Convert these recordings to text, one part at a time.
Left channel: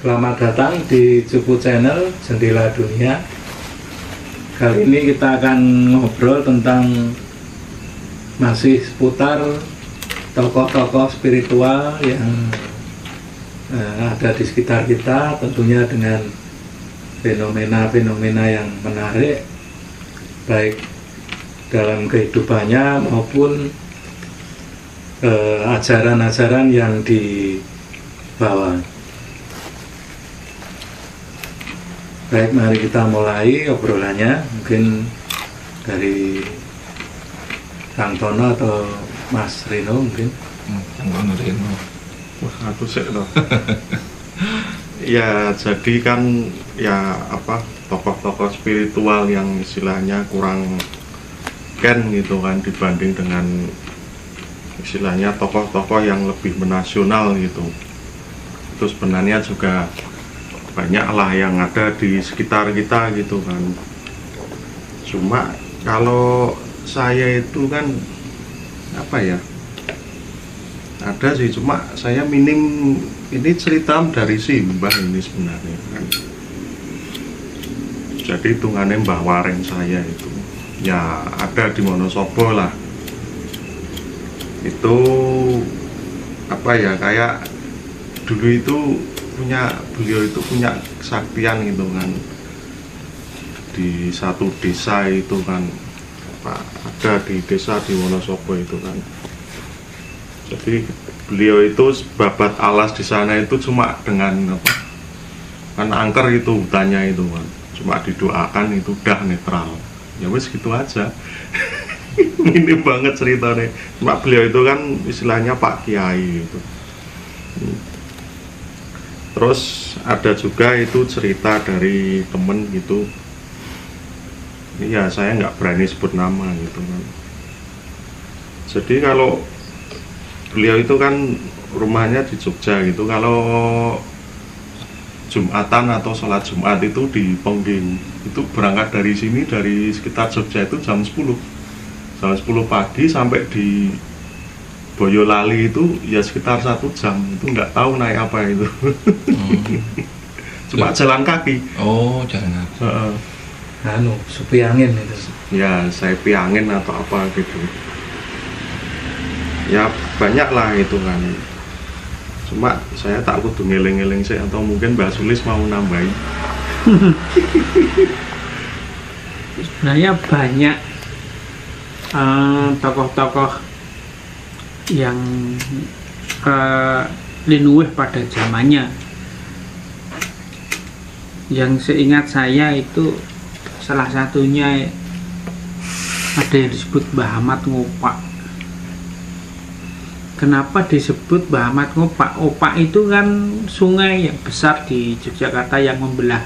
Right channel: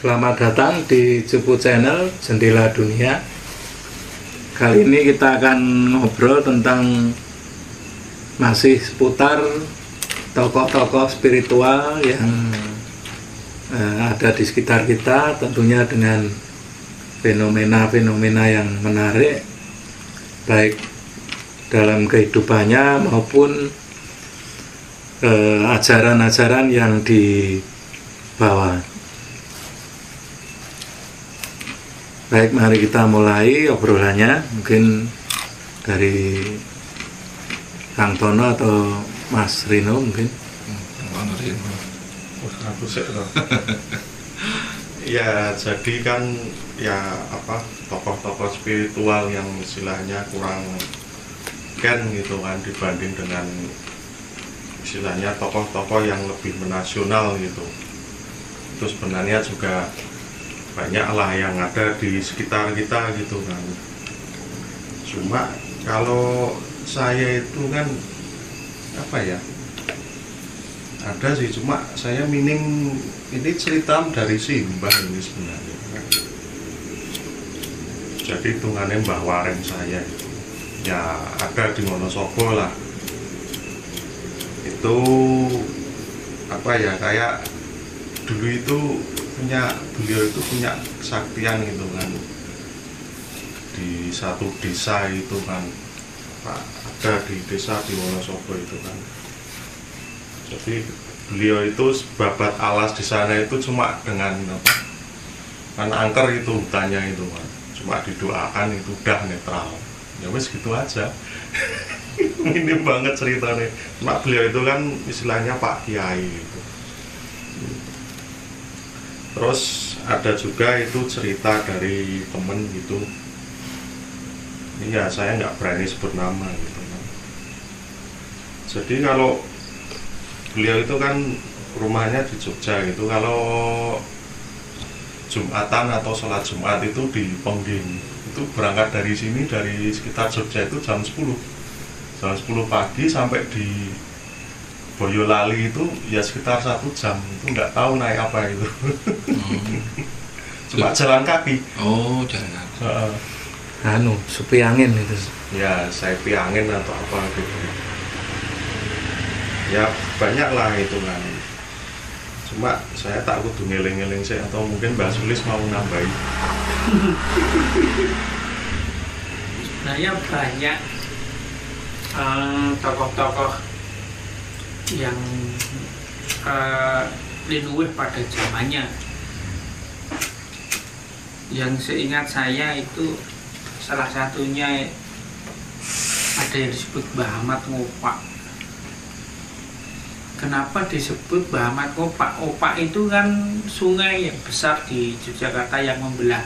Selamat datang di Cupu Channel Jendela Dunia. Kali ini kita akan ngobrol tentang masih seputar tokoh-tokoh spiritual yang ada di sekitar kita, tentunya dengan fenomena-fenomena yang menarik baik dalam kehidupannya maupun ajaran-ajaran yang dibawa. Baik, mari kita mulai obrolannya. Mungkin dari Kang Tono atau Mas Rino mungkin. Kang Rino. Aku sih loh. Ya, jadi kan ya tokoh-tokoh spiritual yang istilahnya kurang ken gitu kan dibanding dengan istilahnya tokoh-tokoh yang lebih menasional gitu. Terus sebenarnya juga banyak lah yang ada di sekitar kita gitu kan. Cuma kalau saya itu kan ada sih, cuma saya minim ini cerita dari Mbah ini sebenarnya kan. Jadi hitungannya Mbah Wareng saya itu ya ada di Wonosobo lah. Itu kayak dulu itu beliau itu punya kesaktian gitu kan, di satu desa itu kan, ada di desa di Wonosobo itu kan. Jadi beliau itu babat alas di sana itu cuma dengan kan angker itu hutannya itu kan, cuma didoakan itu udah netral, ya wes gitu aja. Minim banget ceritanya. Cuma beliau itu kan istilahnya Pak Kiai gitu. Terus ada juga itu cerita dari temen gitu. Iya, saya nggak berani sebut nama gitu kan. Jadi kalau beliau itu kan rumahnya di Jogja gitu. Kalau Jumatan atau sholat Jumat itu di Pengging. Itu berangkat dari sini, dari sekitar Jogja itu jam 10. Jam 10 pagi sampai di Boyolali itu ya sekitar 1 jam, itu nggak tahu naik apa itu. Cuma jalan kaki. Oh, jalan kaki. Supi angin itu. Ya, saya piangin atau apa gitu. Ya banyak lah itu kan. Cuma saya tak kudu ngeling-ngeling sih, atau mungkin Mbak Sulis mau nambahin. Sebenarnya banyak tokoh-tokoh yang linuwih pada zamannya. Yang seingat saya itu salah satunya ada yang disebut Mbah Ahmad Ngopak. Kenapa disebut Mbah Ahmad Ngopak? Opak itu kan sungai yang besar di Yogyakarta yang membelah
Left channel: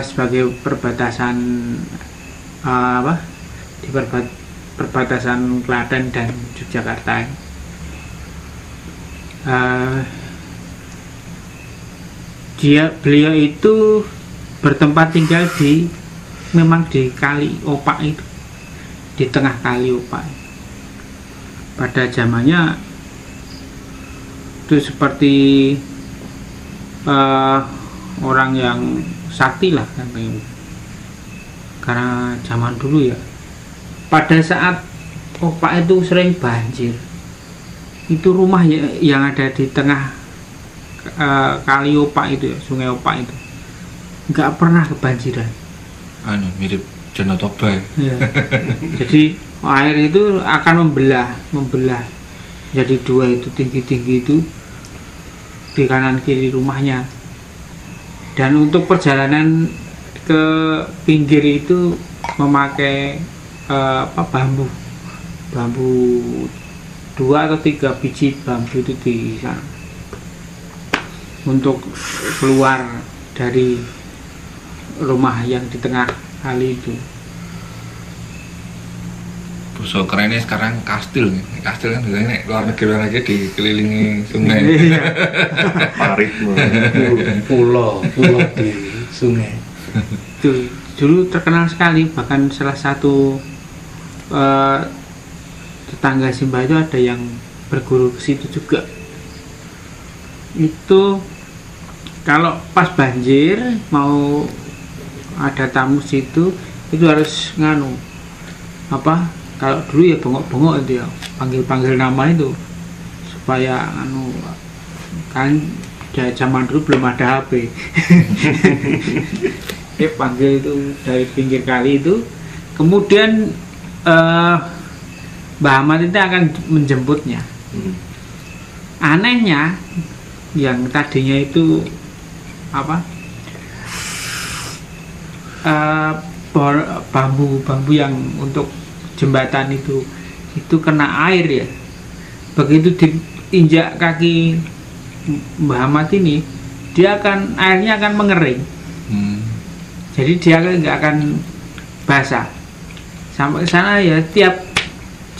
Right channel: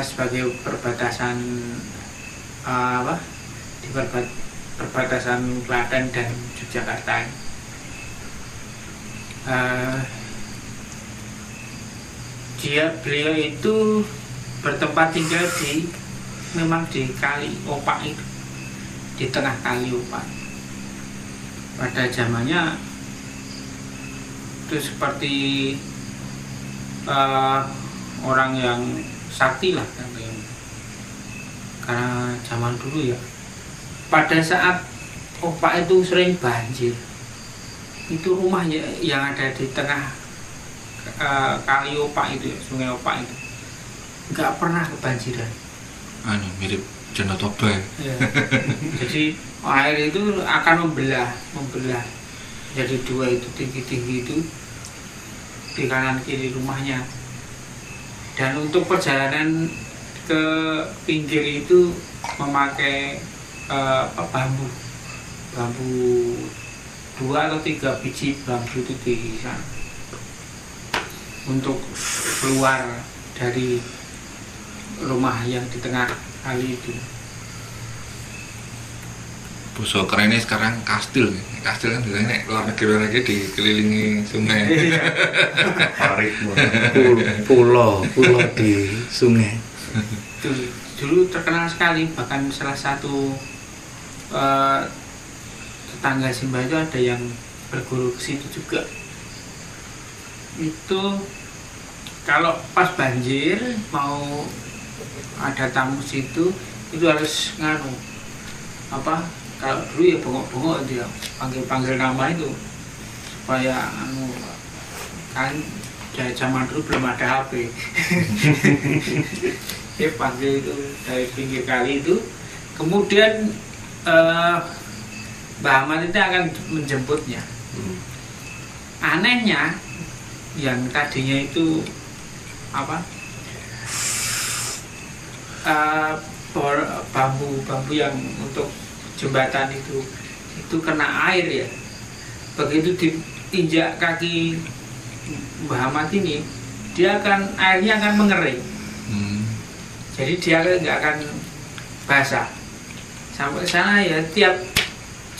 sebagai perbatasan di perbatasan Klaten dan Yogyakarta. Beliau itu bertempat tinggal memang di Kali Opak itu, di tengah Kali Opak. Pada zamannya itu seperti orang yang sakti lah karena zaman dulu ya. Pada saat Opak itu sering banjir, itu rumah yang ada di tengah Kali Opak itu, Sungai Opak itu nggak pernah kebanjiran. Mirip Danau Toba. Ya. Jadi air itu akan membelah jadi dua, itu tinggi-tinggi itu di kanan kiri rumahnya. Dan untuk perjalanan ke pinggir itu memakai bambu 2 atau 3 biji bambu itu di sana untuk keluar dari rumah yang di tengah kali itu. Bosok kerennya sekarang kastil nih. Kastil kan biasanya luar negeri lagi dikelilingi sungai. Parit pulau di sungai. Itu dulu terkenal sekali, bahkan salah satu tetangga Simbah itu ada yang berguru ke situ juga. Itu kalau pas banjir mau ada tamu situ itu harus nganu kalau dulu ya bengok-bengok itu ya, panggil nama itu supaya kan zaman dulu belum ada HP. Dia panggil itu dari pinggir kali itu, kemudian Mbah Ahmad itu akan menjemputnya. Anehnya yang tadinya itu bambu yang untuk jembatan itu kena air ya. Begitu diinjak kaki Mbah Ahmad ini, airnya akan mengering. Jadi dia nggak akan basah. Sampai sana ya tiap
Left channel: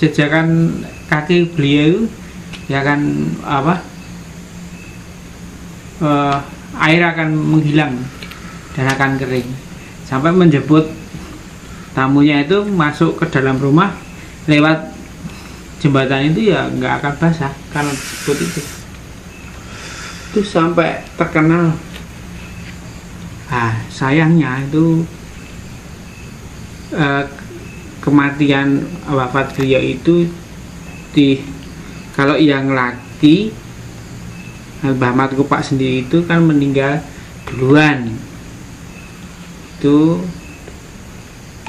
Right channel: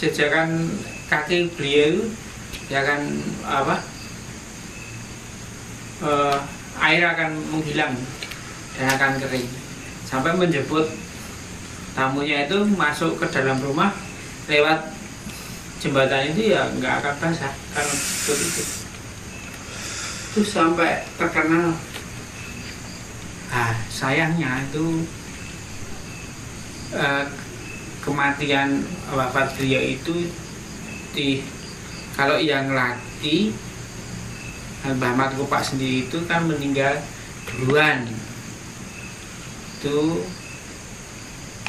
jejakan kaki beliau ya kan air akan menghilang dan akan kering. Sampai menjemput tamunya itu masuk ke dalam rumah lewat jembatan itu ya nggak akan basah kalau seperti itu. Itu sampai terkenal. Sayangnya itu kematian wafat beliau itu kalau yang laki Mbah Ahmad Kupak sendiri itu kan meninggal duluan. Itu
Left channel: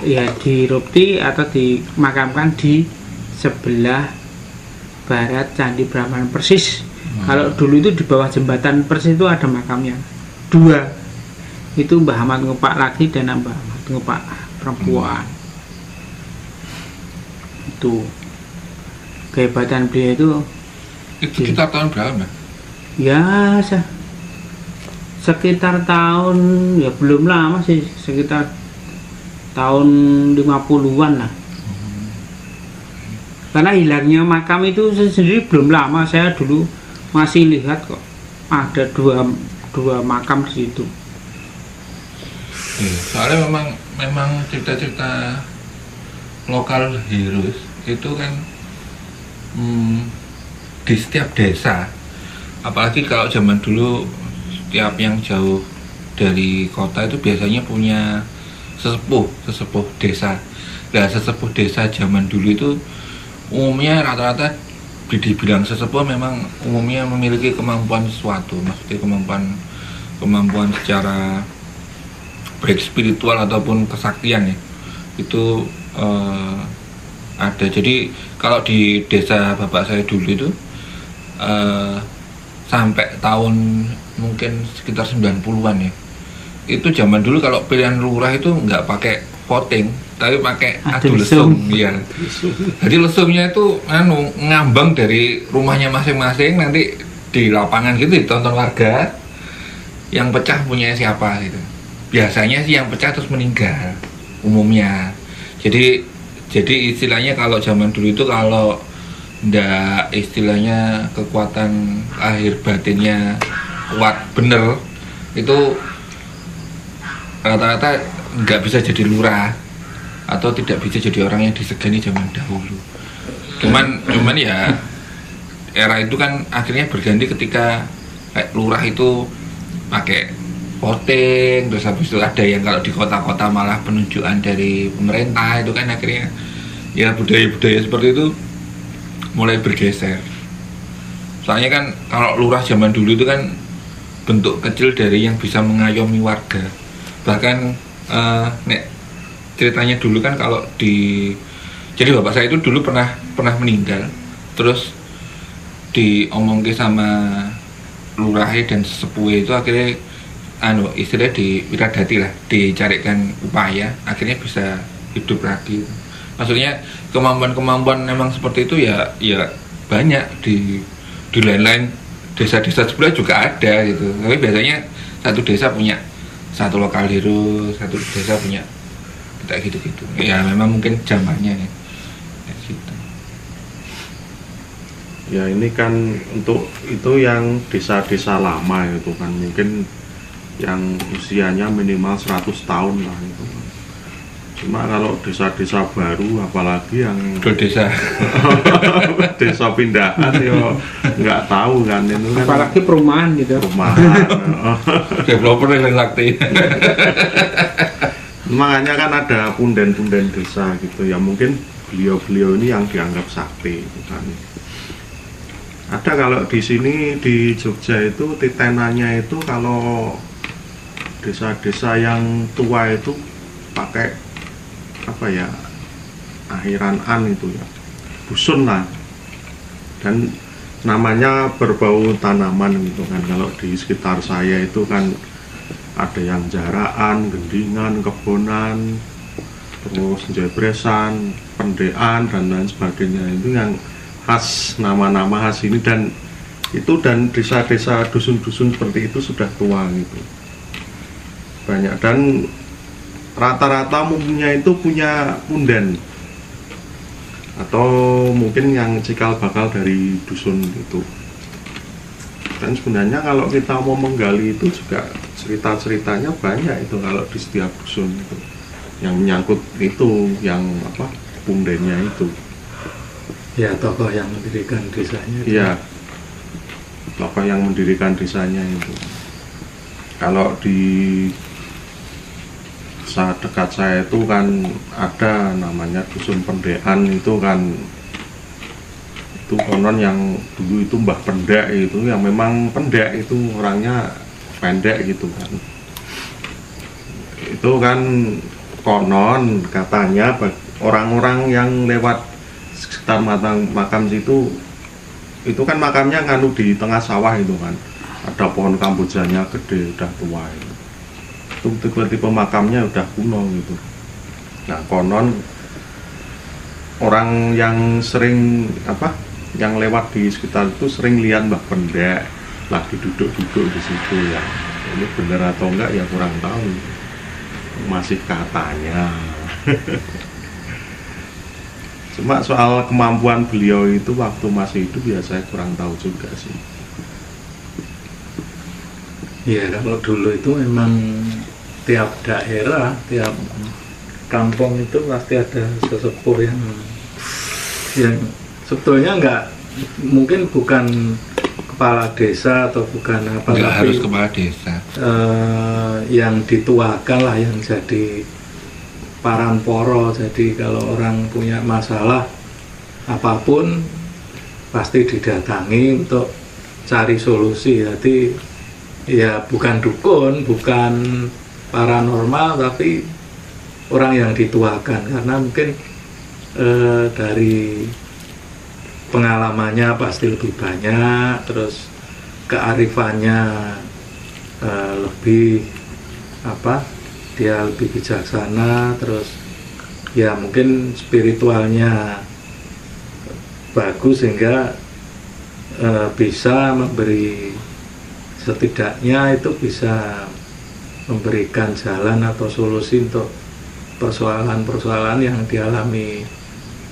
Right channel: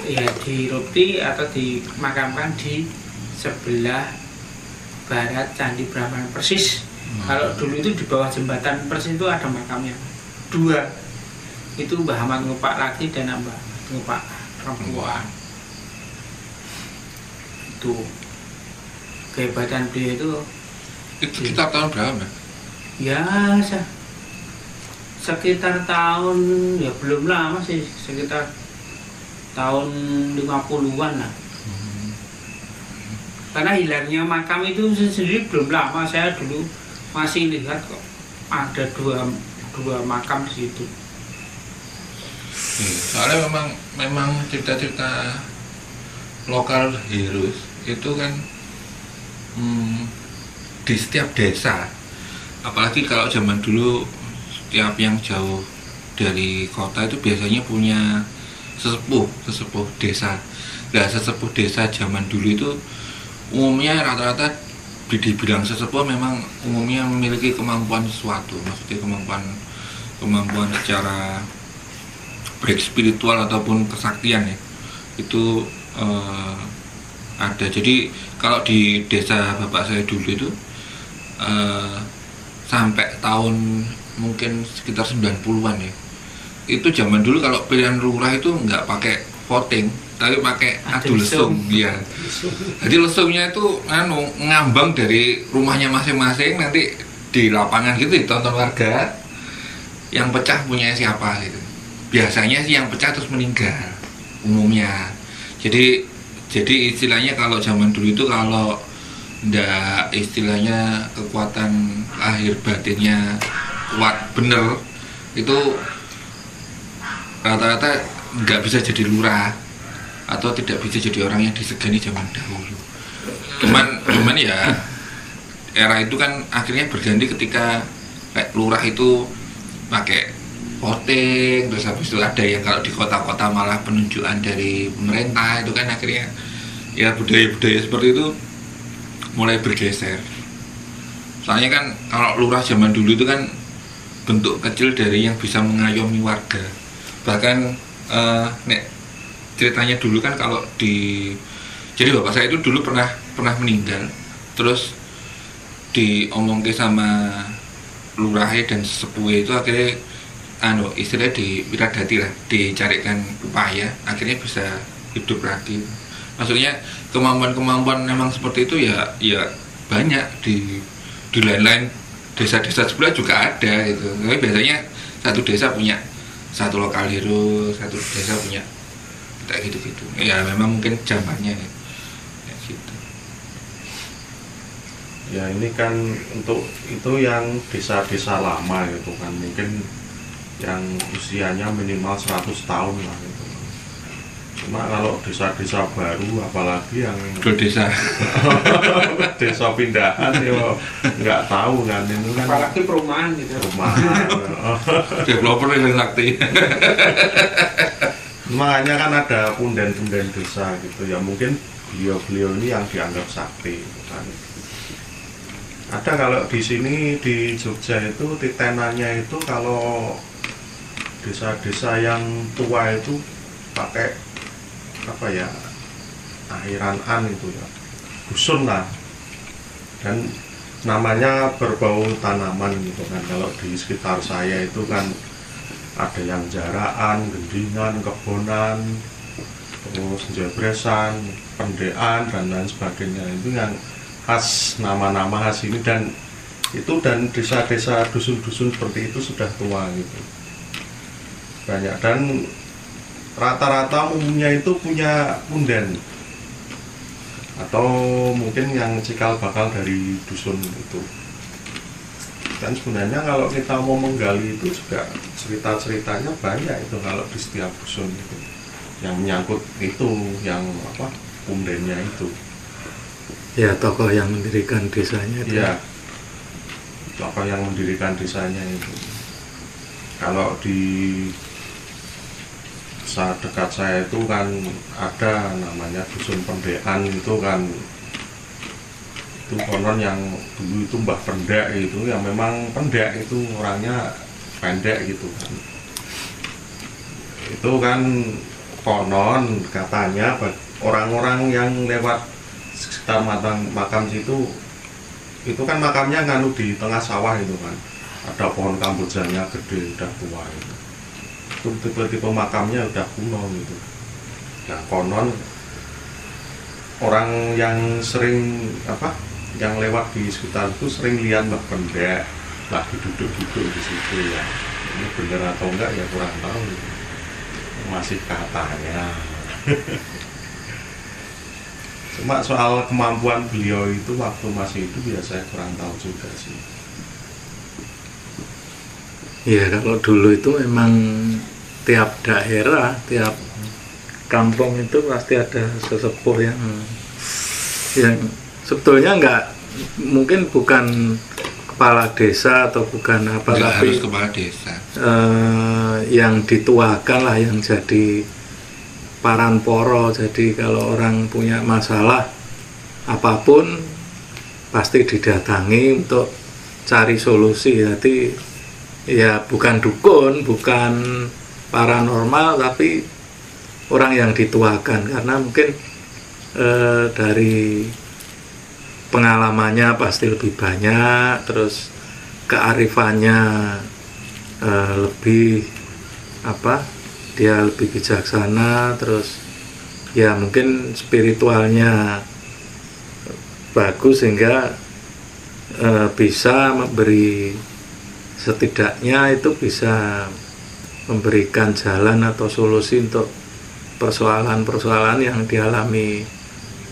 ya dirupti atau dimakamkan di sebelah barat Candi Prambanan persis. Kalau dulu itu di bawah jembatan persis itu ada makamnya 2. Itu Mbah Ahmad Kupak laki dan Mbah Ahmad Kupak perempuan. Itu kehebatan beliau itu sekitar tahun berapa? Ya sekitar tahun ya belum lama sih, sekitar tahun 50-an lah. Karena hilangnya makam itu sendiri belum lama, saya dulu masih lihat kok ada dua makam di situ. Soalnya memang cerita-cerita lokal heroes itu kan di setiap desa, apalagi kalau zaman dulu setiap yang jauh dari kota itu biasanya punya sesepuh desa. Nah, sesepuh desa zaman dulu itu umumnya rata-rata dibilang sesepuh memang umumnya memiliki kemampuan sesuatu, maksudnya kemampuan secara baik spiritual ataupun kesaktian ya, itu ada. Jadi kalau di desa bapak saya dulu itu sampai tahun mungkin sekitar 90-an ya, itu zaman dulu kalau pilihan lurah itu nggak pakai voting tapi pakai adu lesung ya. Jadi lesungnya itu ngambang dari rumahnya masing-masing, nanti di lapangan gitu ditonton warga, yang pecah punya siapa gitu. Biasanya sih yang pecah terus meninggal umumnya. Jadi istilahnya kalau zaman dulu itu kalau ndak istilahnya kekuatan lahir batinnya kuat bener, itu rata-rata nggak bisa jadi lurah atau tidak bisa jadi orang yang disegani zaman dahulu. Cuman ya era itu kan akhirnya berganti ketika lurah itu pakai voting, terus habis itu ada yang kalau di kota-kota malah penunjukan dari pemerintah, itu kan akhirnya ya budaya-budaya seperti itu mulai bergeser. Soalnya kan kalau lurah zaman dulu itu kan bentuk kecil dari yang bisa mengayomi warga. Bahkan ceritanya dulu kan kalau jadi bapak saya itu dulu pernah meninggal, terus diomongke sama lurahe dan sesepuhe itu akhirnya istilahnya diwiradati lah, dicarikan upaya, akhirnya bisa hidup lagi. Maksudnya kemampuan memang seperti itu ya banyak di lain-lain desa-desa sebelah juga ada gitu. Tapi biasanya satu desa punya satu lokal hero, satu desa punya kayak gitu-gitu. Ya memang mungkin zamannya nih. Ya, gitu. Ya ini kan untuk itu yang desa-desa lama itu kan mungkin yang usianya minimal 100 tahun lah itu. Cuma kalau desa-desa baru apalagi yang desa desa pindahan ya nggak tahu kan itu kan apalagi perumahan gitu. perumahan. developer yang sakti. Makanya kan ada punden-punden desa gitu ya, mungkin beliau-beliau ini yang dianggap sakti kan. Ada kalau di sini di Jogja itu titenannya itu kalau desa-desa yang tua itu pakai apa ya, akhiran itu ya, dusun lah, dan namanya berbau tanaman gitu kan. Kalau di sekitar saya itu kan ada yang jaraan, gendingan, kebonan, terus jebresan, pendean dan lain sebagainya. Itu yang khas, nama-nama khas ini, dan itu dan desa-desa dusun-dusun seperti itu sudah tua gitu banyak, dan rata-rata umumnya itu punya punden atau mungkin yang cikal bakal dari dusun itu. Dan sebenarnya kalau kita mau menggali itu juga cerita-ceritanya banyak itu kalau di setiap dusun itu yang menyangkut itu, yang apa, pundennya itu. Ya, tokoh yang mendirikan desanya. Iya, tokoh yang mendirikan desanya itu. Kalau di saat dekat saya itu kan ada namanya dusun Pendean itu kan, itu konon yang dulu itu Mbah Pendek itu yang memang pendek itu orangnya pendek gitu kan. Itu kan konon katanya orang-orang yang lewat sekitar makam situ itu kan makamnya kan di tengah sawah itu kan, ada pohon kambojanya gede udah tua itu. Tipe-tipe makamnya udah kuno gitu. Nah konon orang yang sering apa, yang lewat di sekitar itu sering lihat Mbah Pendek lagi duduk-duduk di situ ya. Ini benar atau enggak ya kurang tahu. Masih katanya. Cuma soal kemampuan beliau itu waktu masih hidup ya saya kurang tahu juga sih. Iya, kalau dulu itu memang tiap daerah, tiap kampung itu pasti ada sesepuh yang sebetulnya mungkin bukan kepala desa atau bukan apa, nggak tapi harus kepala desa, yang dituakan lah, yang jadi paranporo. Jadi kalau orang punya masalah apapun pasti didatangi untuk cari solusi. Jadi ya bukan dukun, bukan paranormal, tapi orang yang dituakan, karena mungkin dari pengalamannya pasti lebih banyak, terus kearifannya lebih apa, dia lebih bijaksana, terus ya mungkin spiritualnya bagus sehingga bisa memberi, setidaknya itu bisa memberikan jalan atau solusi untuk persoalan-persoalan yang dialami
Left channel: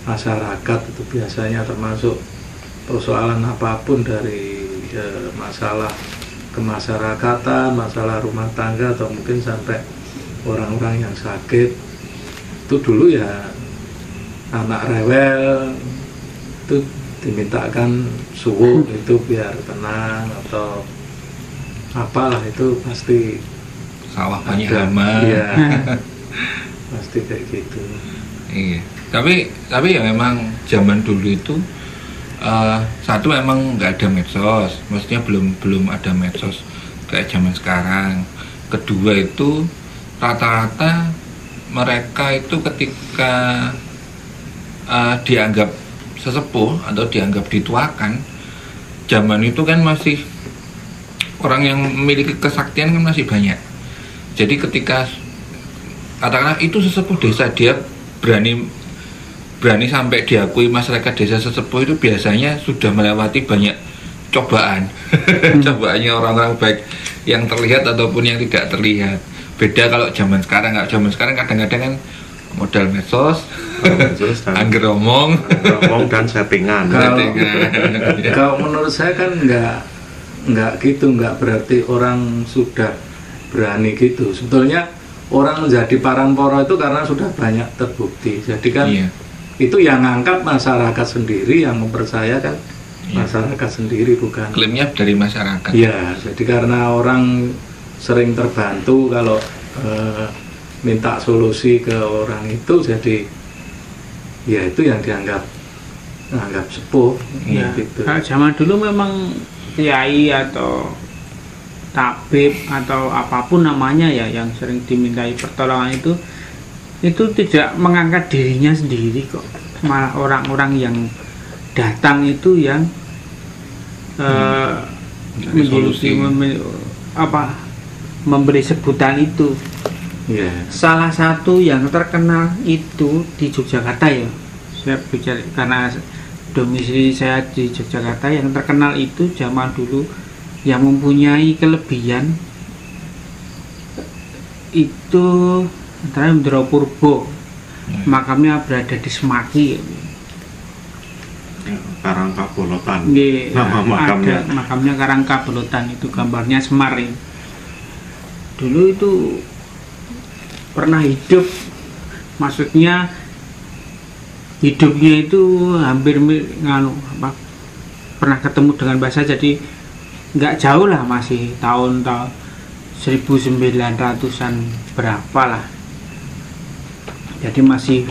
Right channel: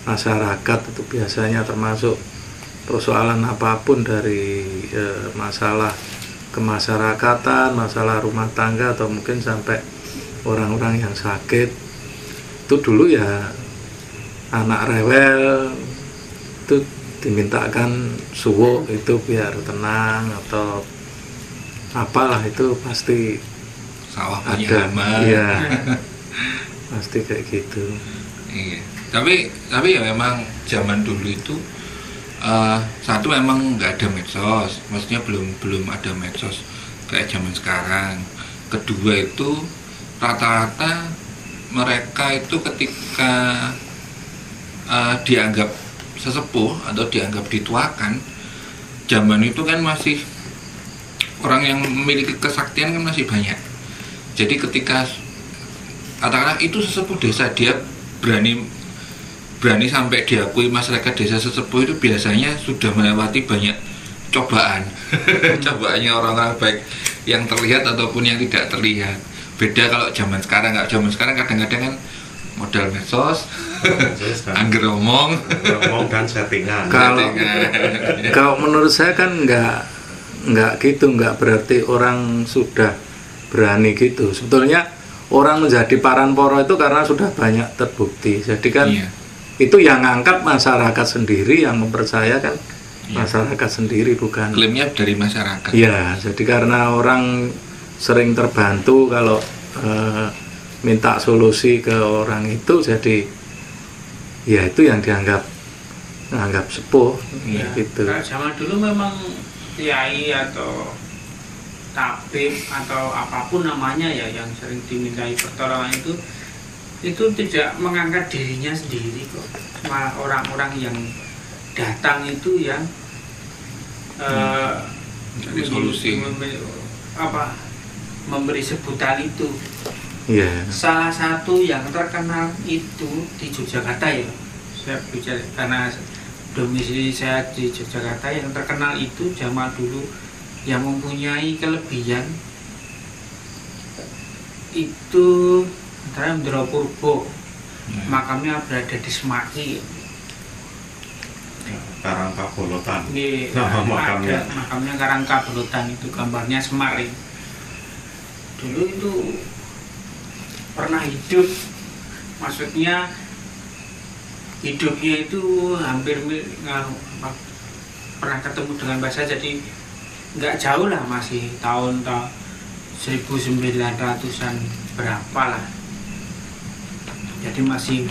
masyarakat. Itu biasanya termasuk persoalan apapun, dari masalah kemasyarakatan, masalah rumah tangga, atau mungkin sampai orang-orang yang sakit. Itu dulu ya anak rewel itu dimintakan suwuk itu biar tenang atau apalah, itu pasti sawah banyak ada, hama. iya, pasti kayak gitu. Iya. Tapi ya memang zaman dulu itu satu memang nggak ada medsos, maksudnya belum ada medsos kayak zaman sekarang. Kedua itu rata-rata mereka itu ketika dianggap sesepuh atau dianggap dituakan, zaman itu kan masih orang yang memiliki kesaktian kan masih banyak. Jadi ketika katakanlah itu sesepuh desa, dia berani sampai diakui masyarakat desa sesepuh, itu biasanya sudah melewati banyak cobaan. Cobaannya orang-orang baik yang terlihat ataupun yang tidak terlihat. Beda kalau zaman sekarang. Nggak, zaman sekarang kadang-kadang kan modal medsos, angger omong dan settingan. Kalau menurut saya kan nggak gitu, nggak berarti orang sudah berani gitu. Sebetulnya orang menjadi paranporo itu karena sudah banyak terbukti. Jadi kan itu yang ngangkat masyarakat sendiri, yang mempercayakan masyarakat sendiri, bukan klaimnya dari masyarakat. Iya, jadi karena orang sering terbantu kalau minta solusi ke orang itu, jadi ya itu yang dianggap sepuh. Ya, gitu. Kalau zaman dulu memang kiai atau tabib atau apapun namanya ya yang sering dimintai pertolongan itu tidak mengangkat dirinya sendiri kok, malah orang-orang yang datang itu yang memberi sebutan itu. Salah satu yang terkenal itu di Yogyakarta ya, saya bicara karena domisili saya di Yogyakarta, yang terkenal itu zaman dulu yang mempunyai kelebihan itu antara Ndoro Purbo, makamnya berada di Semaki, Karangkabolotan. Ada makamnya Karangkabolotan, itu gambarnya Semar ya. Dulu itu pernah hidup, maksudnya hidupnya itu hampir pernah ketemu dengan bahasa, jadi nggak jauh lah, masih tahun 1900-an berapa lah, jadi masih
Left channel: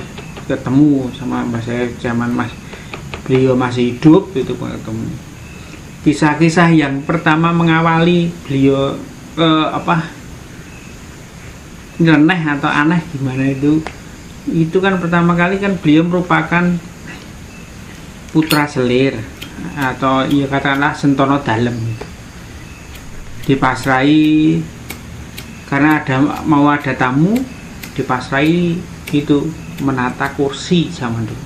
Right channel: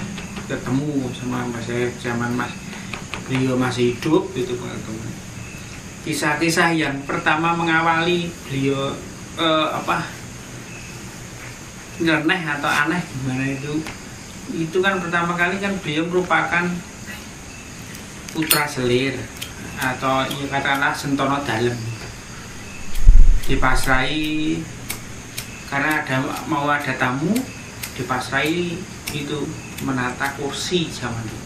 ketemu sama mbak saya zaman beliau masih hidup, itu ketemu. Kisah-kisah yang pertama mengawali beliau nyeleneh atau aneh gimana itu kan pertama kali kan beliau merupakan putra selir atau ya katakanlah Sentono Dalem, dipasrai karena mau ada tamu, dipasrai itu menata kursi zaman dulu.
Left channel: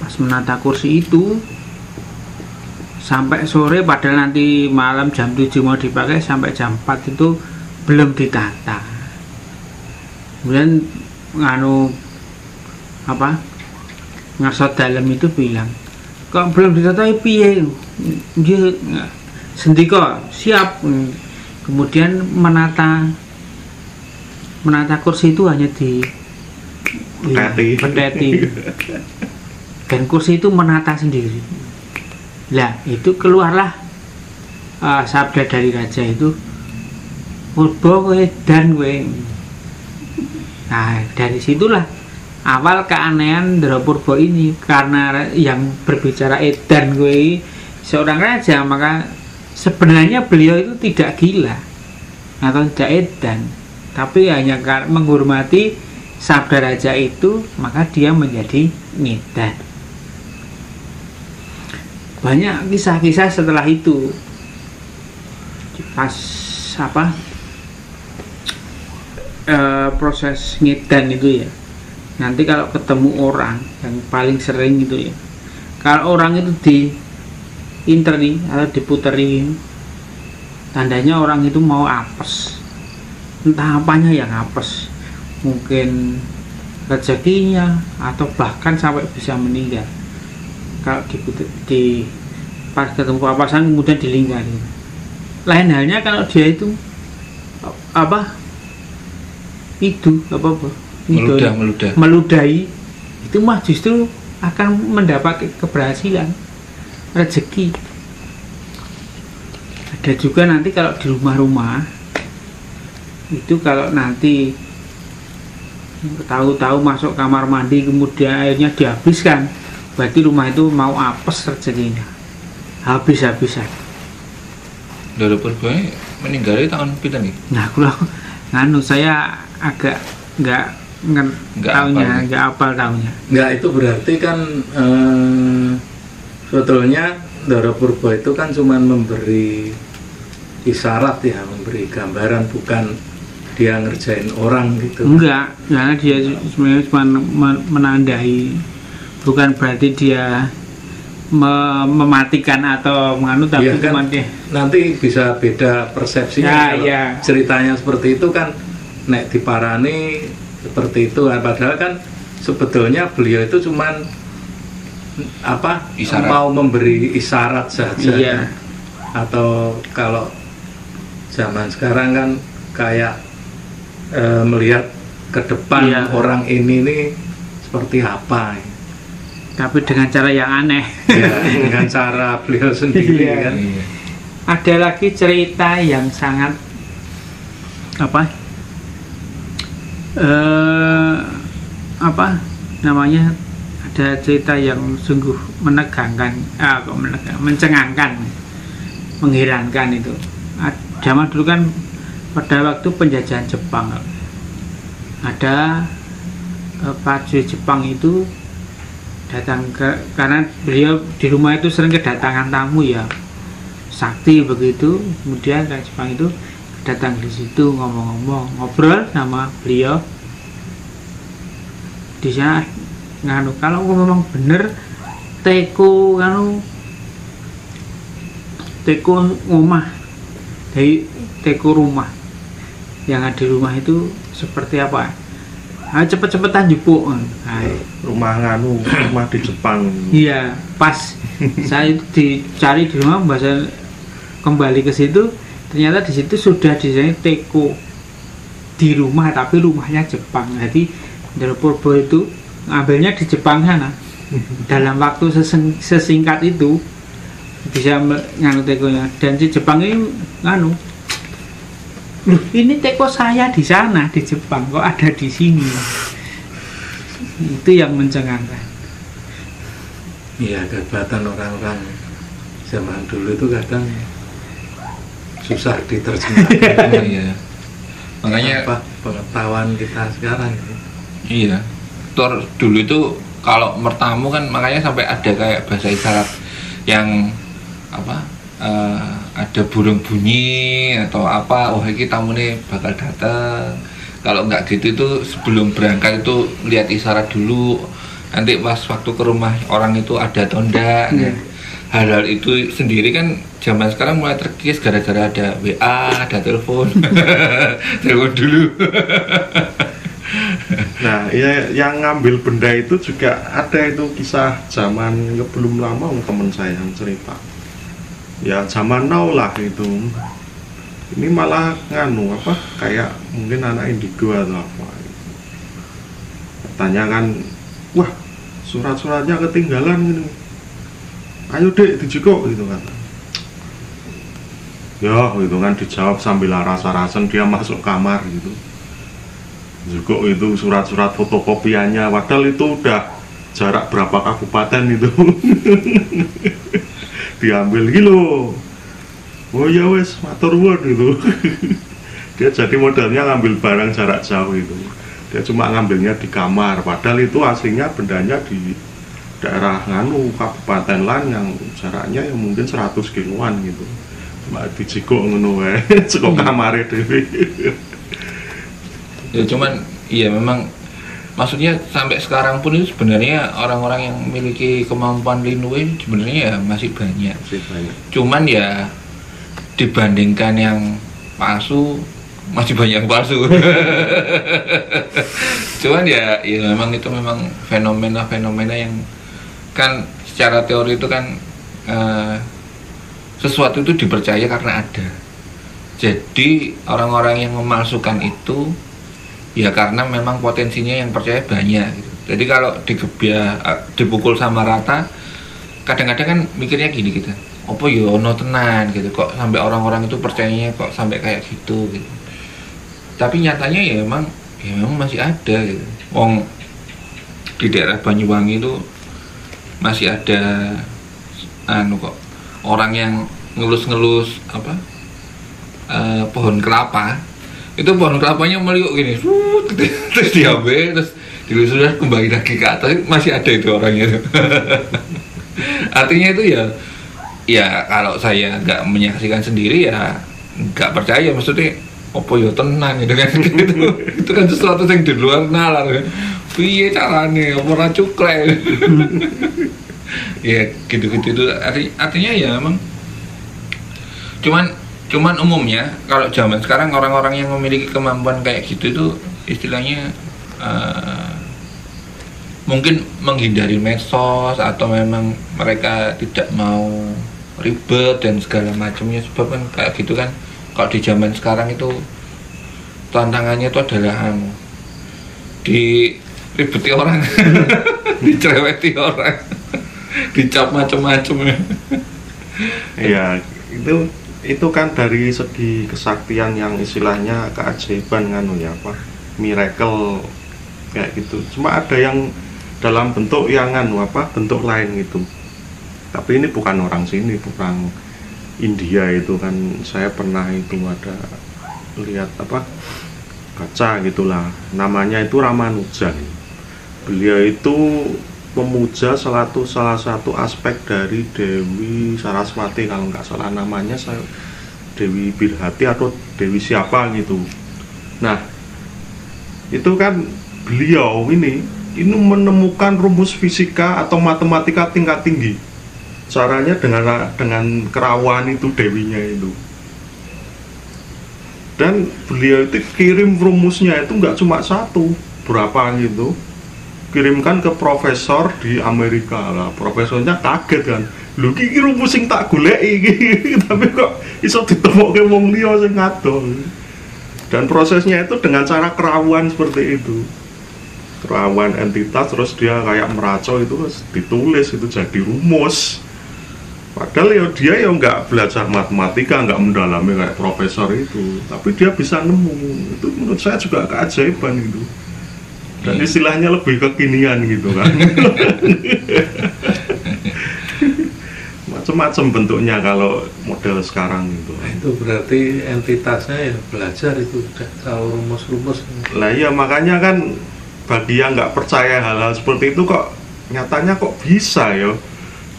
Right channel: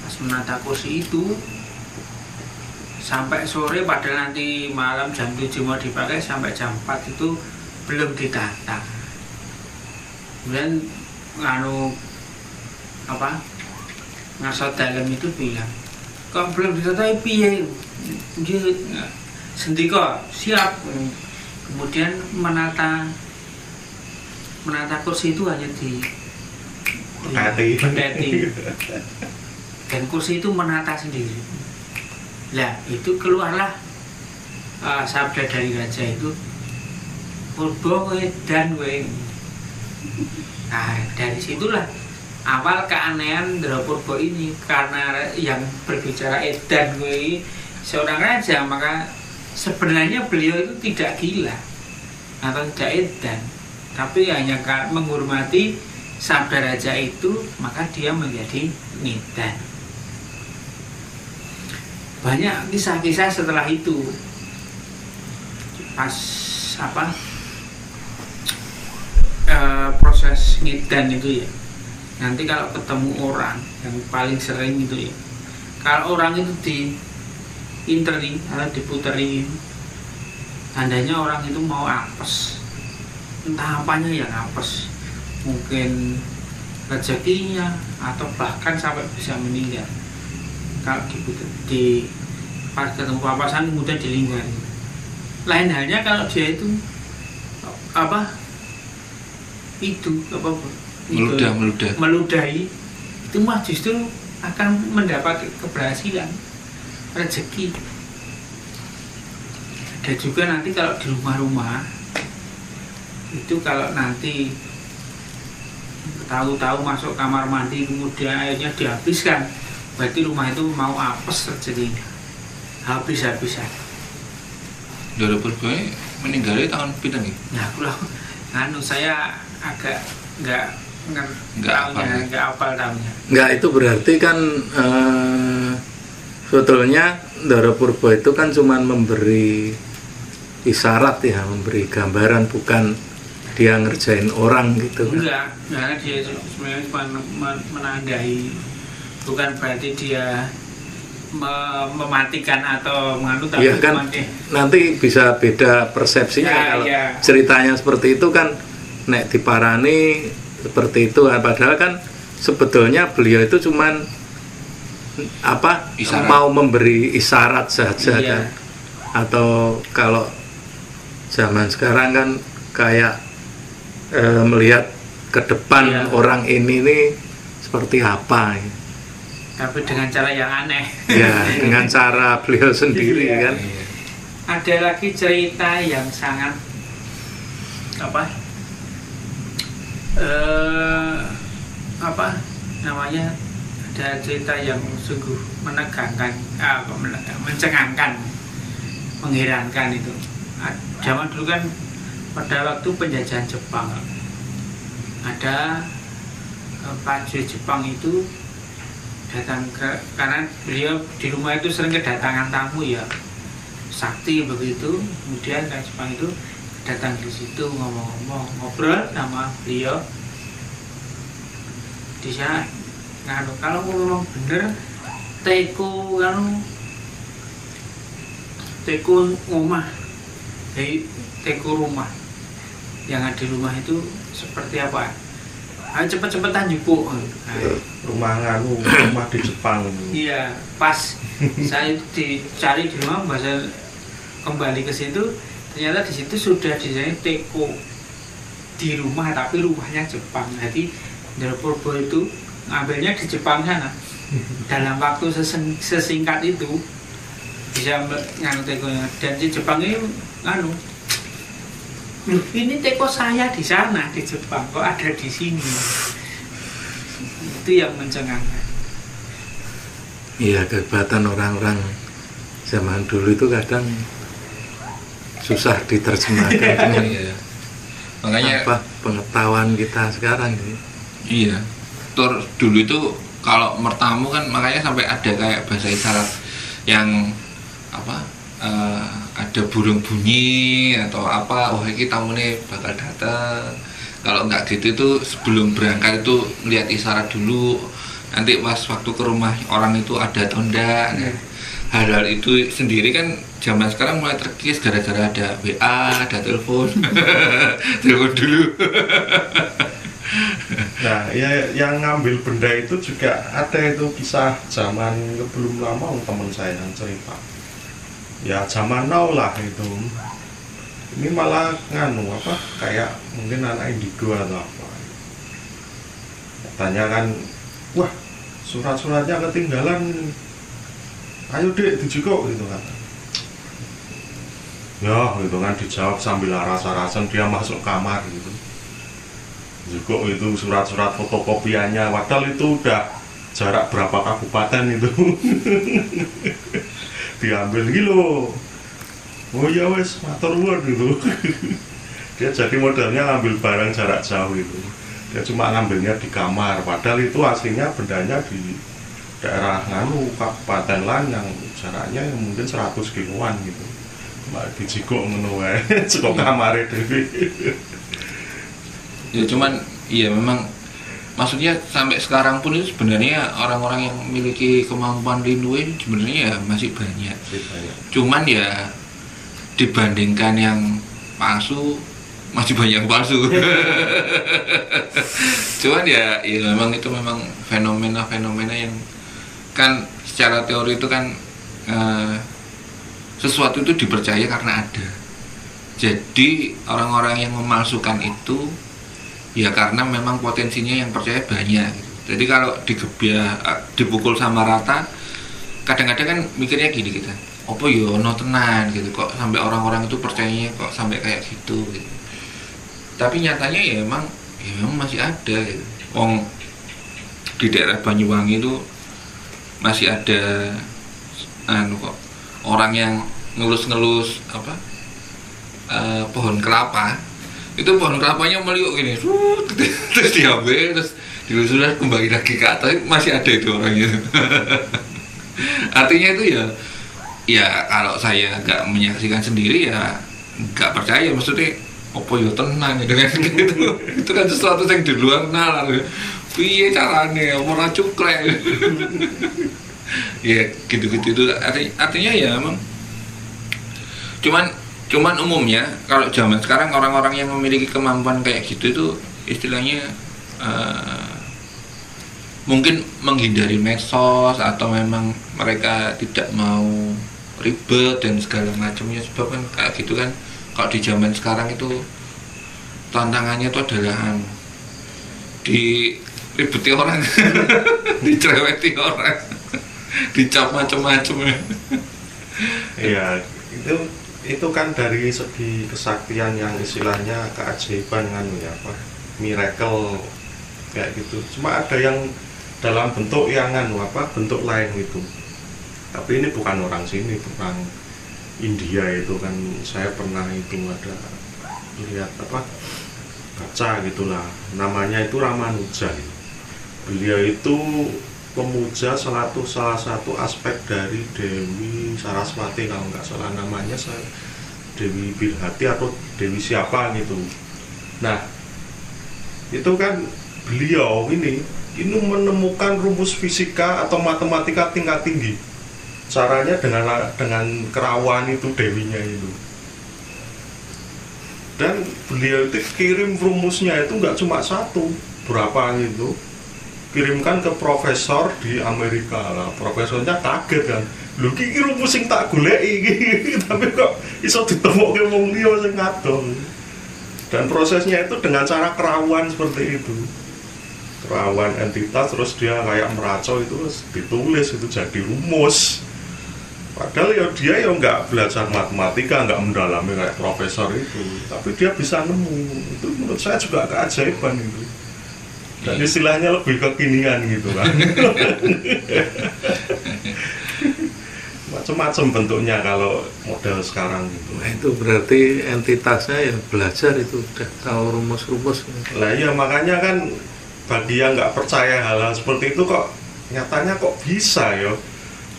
Pas menata kursi itu sampai sore, padahal nanti malam jam 7 mau dipakai, sampai jam 4 itu belum ditata. Kemudian Ngarso Dalem itu bilang, kok belum ditata piye? Dia sendika siap. Kemudian menata kursi itu hanya di peteti, dan kursi itu menata sendiri. Lah itu keluarlah sabda dari raja itu, Purbo kowe dan kowe. Nah dari situlah awal keanehan Ndoro Purbo ini, karena yang berbicara edan kowe seorang raja, maka sebenarnya beliau itu tidak gila atau tidak edan, tapi hanya menghormati sabda raja itu, maka dia menjadi ngedan. Banyak kisah-kisah setelah itu, pas proses ngedan itu ya, nanti kalau ketemu orang yang paling sering itu ya, kalau orang itu diinteri atau diputeri, tandanya orang itu mau apes, entah apanya yang apes, mungkin rezekinya atau bahkan sampai bisa meninggal. Kalau pas ketemu papasan kemudian dilingkari. Lain halnya kalau dia itu meludahi, itu mah justru akan mendapat keberhasilan, rezeki. Ada juga nanti kalau di rumah-rumah itu, kalau nanti tahu-tahu masuk kamar mandi kemudian airnya dihabiskan, berarti rumah itu mau apes rezekinya, habis-habisan. Ndoro Purbo meninggalnya tahun pinten nih? Nah, saya agak nggak apal tahunnya. Nggak, itu berarti kan sebetulnya Ndoro Purbo itu kan cuma memberi isyarat ya, memberi gambaran, bukan dia ngerjain orang gitu. Enggak, karena dia sebenarnya cuma menandai, bukan berarti dia mematikan atau menganu, tapi ya kan, nanti bisa beda persepsinya ya, kalau ya. Ceritanya seperti itu kan, nek diparani seperti itu kan, padahal kan sebetulnya beliau itu cuman isyarat. Mau memberi isyarat saja iya. kan? Atau kalau zaman sekarang kan kayak melihat ke depan iya. orang ini nih seperti apa, tapi dengan cara yang aneh. ya, dengan cara beliau sendiri Iya. kan. Ada lagi cerita yang sangat apa namanya, ada cerita yang sungguh menegangkan, mencengangkan, mengherankan itu. Zaman dulu kan pada waktu penjajahan Jepang, ada prajurit Jepang itu datang karena beliau di rumah itu sering kedatangan tamu ya, sakti begitu. Kemudian dari Jepang itu datang di situ, ngomong-ngomong, ngobrol sama beliau di sana. Nganu, kalau memang bener teko rumah, dari teko rumah yang ada di rumah itu seperti apa? Cepet-cepetan jupuk. Rumah di Jepang. Iya, pas saya dicari di rumah, bahasa kembali ke situ, ternyata di situ sudah desain teko di rumah, tapi rumahnya Jepang. Jadi Ndara Purba itu ngambilnya di Jepang sana. Dalam waktu sesingkat itu bisa nganu tekonya, dan si Jepang ini nganu, loh ini teko saya di sana di Jepang kok ada di sini. Itu yang mencengangkan. Iya, kehebatan orang-orang zaman dulu itu kadang susah diterjemahkan. Iya. Makanya pengetahuan kita sekarang. Iya. Dulu itu kalau mertamu kan, makanya sampai ada kayak bahasa isyarat yang ada burung bunyi atau apa, oh ini tamu nih bakal datang. Kalau nggak gitu itu sebelum berangkat itu lihat isyarat dulu, nanti pas waktu ke rumah orang itu ada atau enggak. Kan? Hal-hal itu sendiri kan zaman sekarang mulai terkikis gara-gara ada WA, ada telepon. Telepon dulu. Nah, ya, yang ngambil benda itu juga ada, itu kisah zaman belum lama teman saya yang cerita. Ya zaman now lah itu. Ini malah nganu kayak mungkin anak indigo atau apa. Katanya kan, wah surat-suratnya ketinggalan ini. Ayo dek dijukuk gitu kan. Ya gitu kan, dijawab sambil rasa-rasen, dia masuk kamar gitu. Juga itu surat-surat fotokopiannya, padahal itu udah jarak berapa kabupaten itu. Diambil gitu. Oh ya wes, matur nuwun gitu. Dia jadi modelnya ngambil barang jarak jauh itu. Dia cuma ngambilnya di kamar, padahal itu aslinya bendanya di daerah nganu kabupaten lain yang jaraknya yang mungkin 100 kiloan gitu. Cuma dijikuk ngono wae, cekok kamare dhewe. Ya cuman iya memang, maksudnya sampai sekarang pun itu sebenarnya orang-orang yang memiliki kemampuan linui sebenarnya ya masih banyak. Cuman ya dibandingkan yang palsu masih banyak yang palsu. Cuman ya memang itu memang fenomena-fenomena yang kan secara teori itu kan sesuatu itu dipercaya karena ada. Jadi orang-orang yang memalsukan itu ya karena memang potensinya yang percaya banyak gitu. Jadi kalau dipukul sama rata, kadang-kadang kan mikirnya gini kita, apa ya ono tenan gitu, kok sampai orang-orang itu percayanya kok sampai kayak gitu gitu. Tapi nyatanya ya memang masih ada gitu. Wong di daerah Banyuwangi itu masih ada kok orang yang ngelus-ngelus pohon kelapa. Itu pohon kelapanya meliuk gini, terus diambil, terus dilusuri kembali lagi ke atas, masih ada itu orangnya. Artinya itu ya kalau saya nggak menyaksikan sendiri ya nggak percaya, maksudnya apa yo tenang gitu kan. Itu kan sesuatu yang di luar nalar. Piye carane apa ora cuklek. Ya gitu-gitu itu artinya ya emang cuman umumnya kalau zaman sekarang orang-orang yang memiliki kemampuan kayak gitu itu istilahnya mungkin menghindari medsos atau memang mereka tidak mau ribet dan segala macamnya, sebab kan kayak gitu kan kalau di zaman sekarang itu tantangannya itu adalah diribeti orang, dicereweti orang, dicap macam-macam. Iya, itu kan dari segi kesaktian yang istilahnya keajaiban kan ya apa miracle kayak gitu. Cuma ada yang dalam bentuk yang bentuk lain gitu. Tapi ini bukan orang sini, bukan India itu kan. Saya pernah itu ada lihat baca gitulah. Namanya itu Ramanuja. Beliau itu memuja salah satu aspek dari Dewi Saraswati kalau nggak salah namanya, Dewi Bilhati atau Dewi siapa gitu. Nah itu kan beliau ini menemukan rumus fisika atau matematika tingkat tinggi. Caranya dengan kerawan itu dewinya itu. Dan beliau itu kirim rumusnya itu nggak cuma satu, berapa gitu. Kirimkan ke profesor di Amerika lah. Profesornya kaget kan. Lho iki rumus sing tak goleki iki. Tapi kok iso ditemokke wong liya sing ngadoh. Dan prosesnya itu dengan cara kerawan seperti itu. Kerawan entitas terus dia kayak meracau itu ditulis itu jadi rumus. Padahal ya dia ya nggak belajar matematika, nggak mendalami kayak profesor itu. Tapi dia bisa nemu. Itu menurut saya juga keajaiban gitu. Dan istilahnya lebih kekinian gitu kan. Macam-macam bentuknya kalau model sekarang gitu. Nah, itu berarti entitasnya ya belajar itu udah tahu rumus-rumus. Lah iya makanya kan bagi yang nggak percaya hal-hal seperti itu kok nyatanya kok bisa ya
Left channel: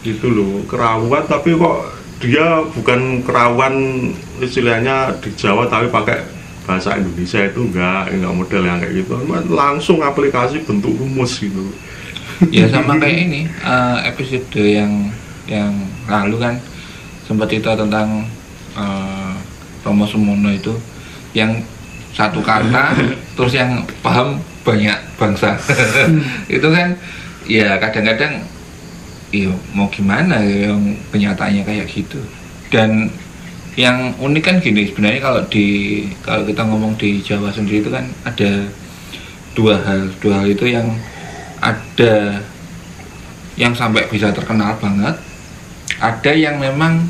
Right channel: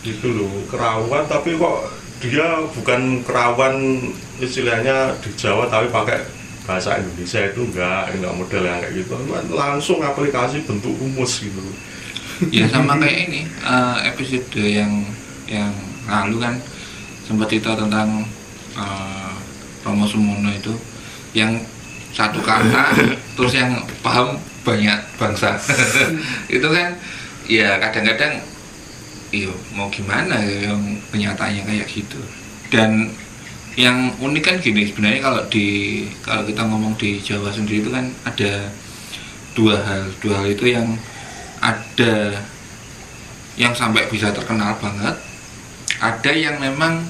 gitu loh, kerawan tapi kok dia bukan kerawan istilahnya di Jawa tapi pakai bahasa Indonesia, itu enggak model yang kayak gitu, langsung aplikasi bentuk rumus gitu. Ya sama kayak ini episode yang lalu kan sempat cerita tentang Romo Sumono itu yang satu kata terus yang paham banyak bangsa. Itu kan ya kadang-kadang iya mau gimana ya, yang kenyataannya kayak gitu. Dan yang unik kan gini sebenarnya kalau kita ngomong di Jawa sendiri itu kan ada dua hal itu yang ada yang sampai bisa terkenal banget, ada yang memang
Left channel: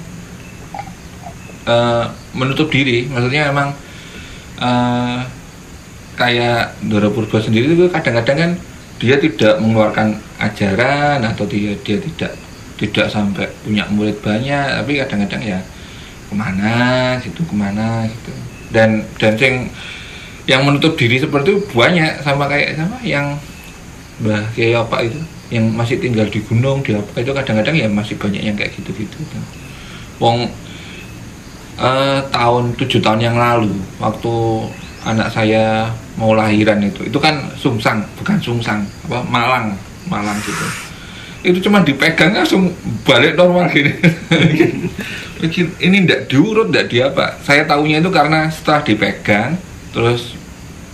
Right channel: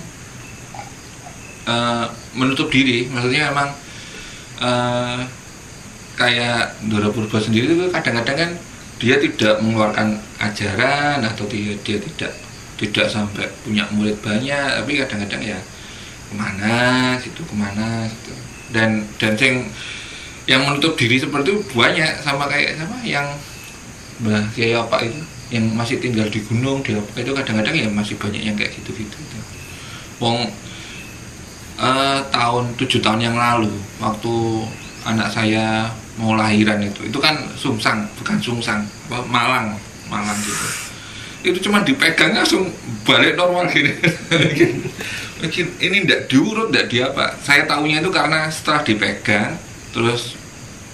menutup diri, maksudnya memang kayak Ndoro Purba sendiri itu kadang-kadang kan dia tidak mengeluarkan ajaran atau dia tidak sampai punya murid banyak, tapi kadang-kadang ya kemana gitu dan yang menutup diri seperti itu banyak, sama yang Mbah Kiai apa itu yang masih tinggal di gunung di apa itu kadang-kadang ya masih banyak yang kayak gitu. Wong tahun 7 tahun yang lalu waktu anak saya mau lahiran itu kan sungsang, bukan sungsang apa Malang gitu. Itu cuma dipegang langsung balik normal gini. Ini ndak diurut, ndak di apa. Saya tahunya itu karena setelah dipegang, terus